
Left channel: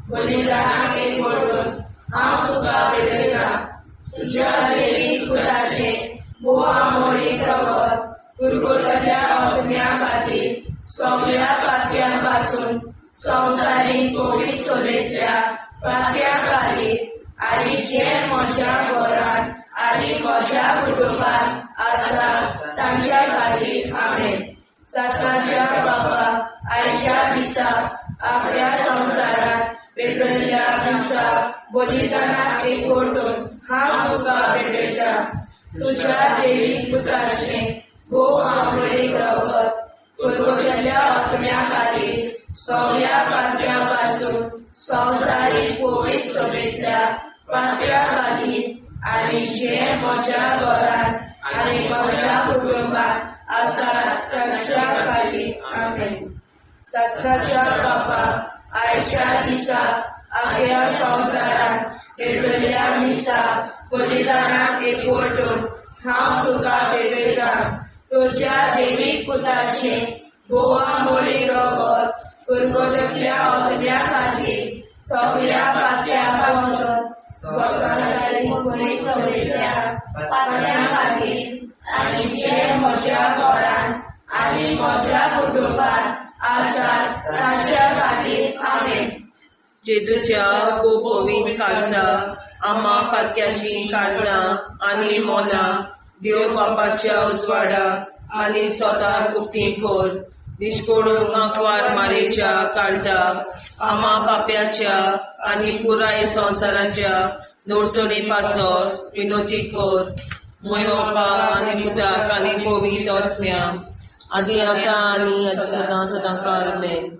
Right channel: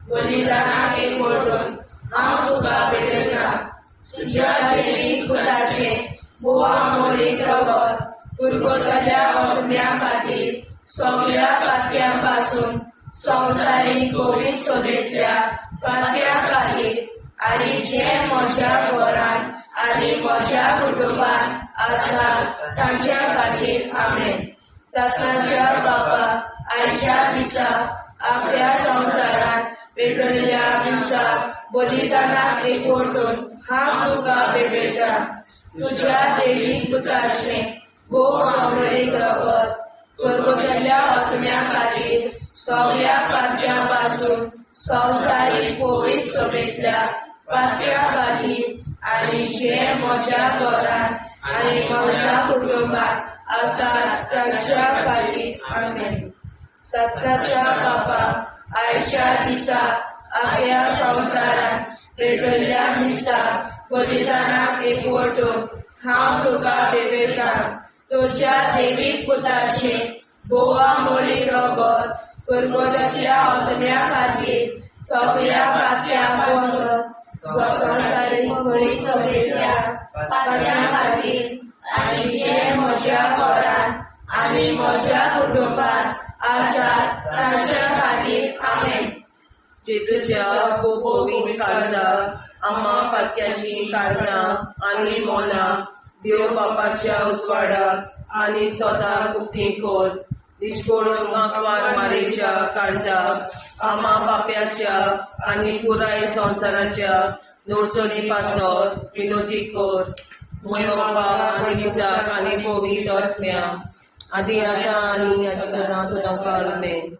बलिदानाक एकवटून हांव तुका भेटयता तुझ्या देवीक पुताचे आंघोळीक रगत पुरगोट्याच्या बातम्या खातीर सगळ्या पात्यांपासून संवसारीक पवित्र सभेच्या पात्या खातीर आनी जे म्हज्या घरांत आनी म्हज्या कुटुंबांत आसा तांच्या खातीर आमेन. ससनाच्या बापाक आयच्या दिसा आपल्या संसारात भेटयल्या दिसा बलिदानाक एकवटून हांव तुका भेटयता तुझ्या देवीक पुताचे आंघोळीक रगत पुरगोट्याच्या बातम्या खातीर सगळ्या पात्यांपासून संवसारीक पवित्र सभेच्या पात्या खातीर आनी जे म्हज्या घरांत आनी म्हज्या कुटुंबांत आसा तांच्या खातीर आमेन. ससनाच्या बापाक आयच्या दिसा आपल्या संसारात भेटयल्या दिसा बलिदानाक एकवटून हांव तुका भेटयता तुझ्या देवीक पुताचे आंघोळीक रगत पुरगोट्याच्या बातम्या खातीर सगळ्या पात्यांपासून संवसारीक पवित्र सभेच्या पात्या खातीर आनी जे म्हज्या घरांत आनी म्हज्या कुटुंबांत आसा तांच्या खातीर आमेन. जेजूच्या पवित्र काळजां आम्हा पातक्याची काळजां आनी मोना देव बापाच्या उजवाडाक आनी सदां उक्ती कोर दिसपडून आंकवार मारेच्या काळजाक आम्हा पाप्याच्या आनी पुराय संवसाराच्या नोडचणी पासर विनोदी कोर मोय बापाक आनी पुताक आनी पवित्र आत्म्या आदी आतां आनी सदां सदां काल आमेन.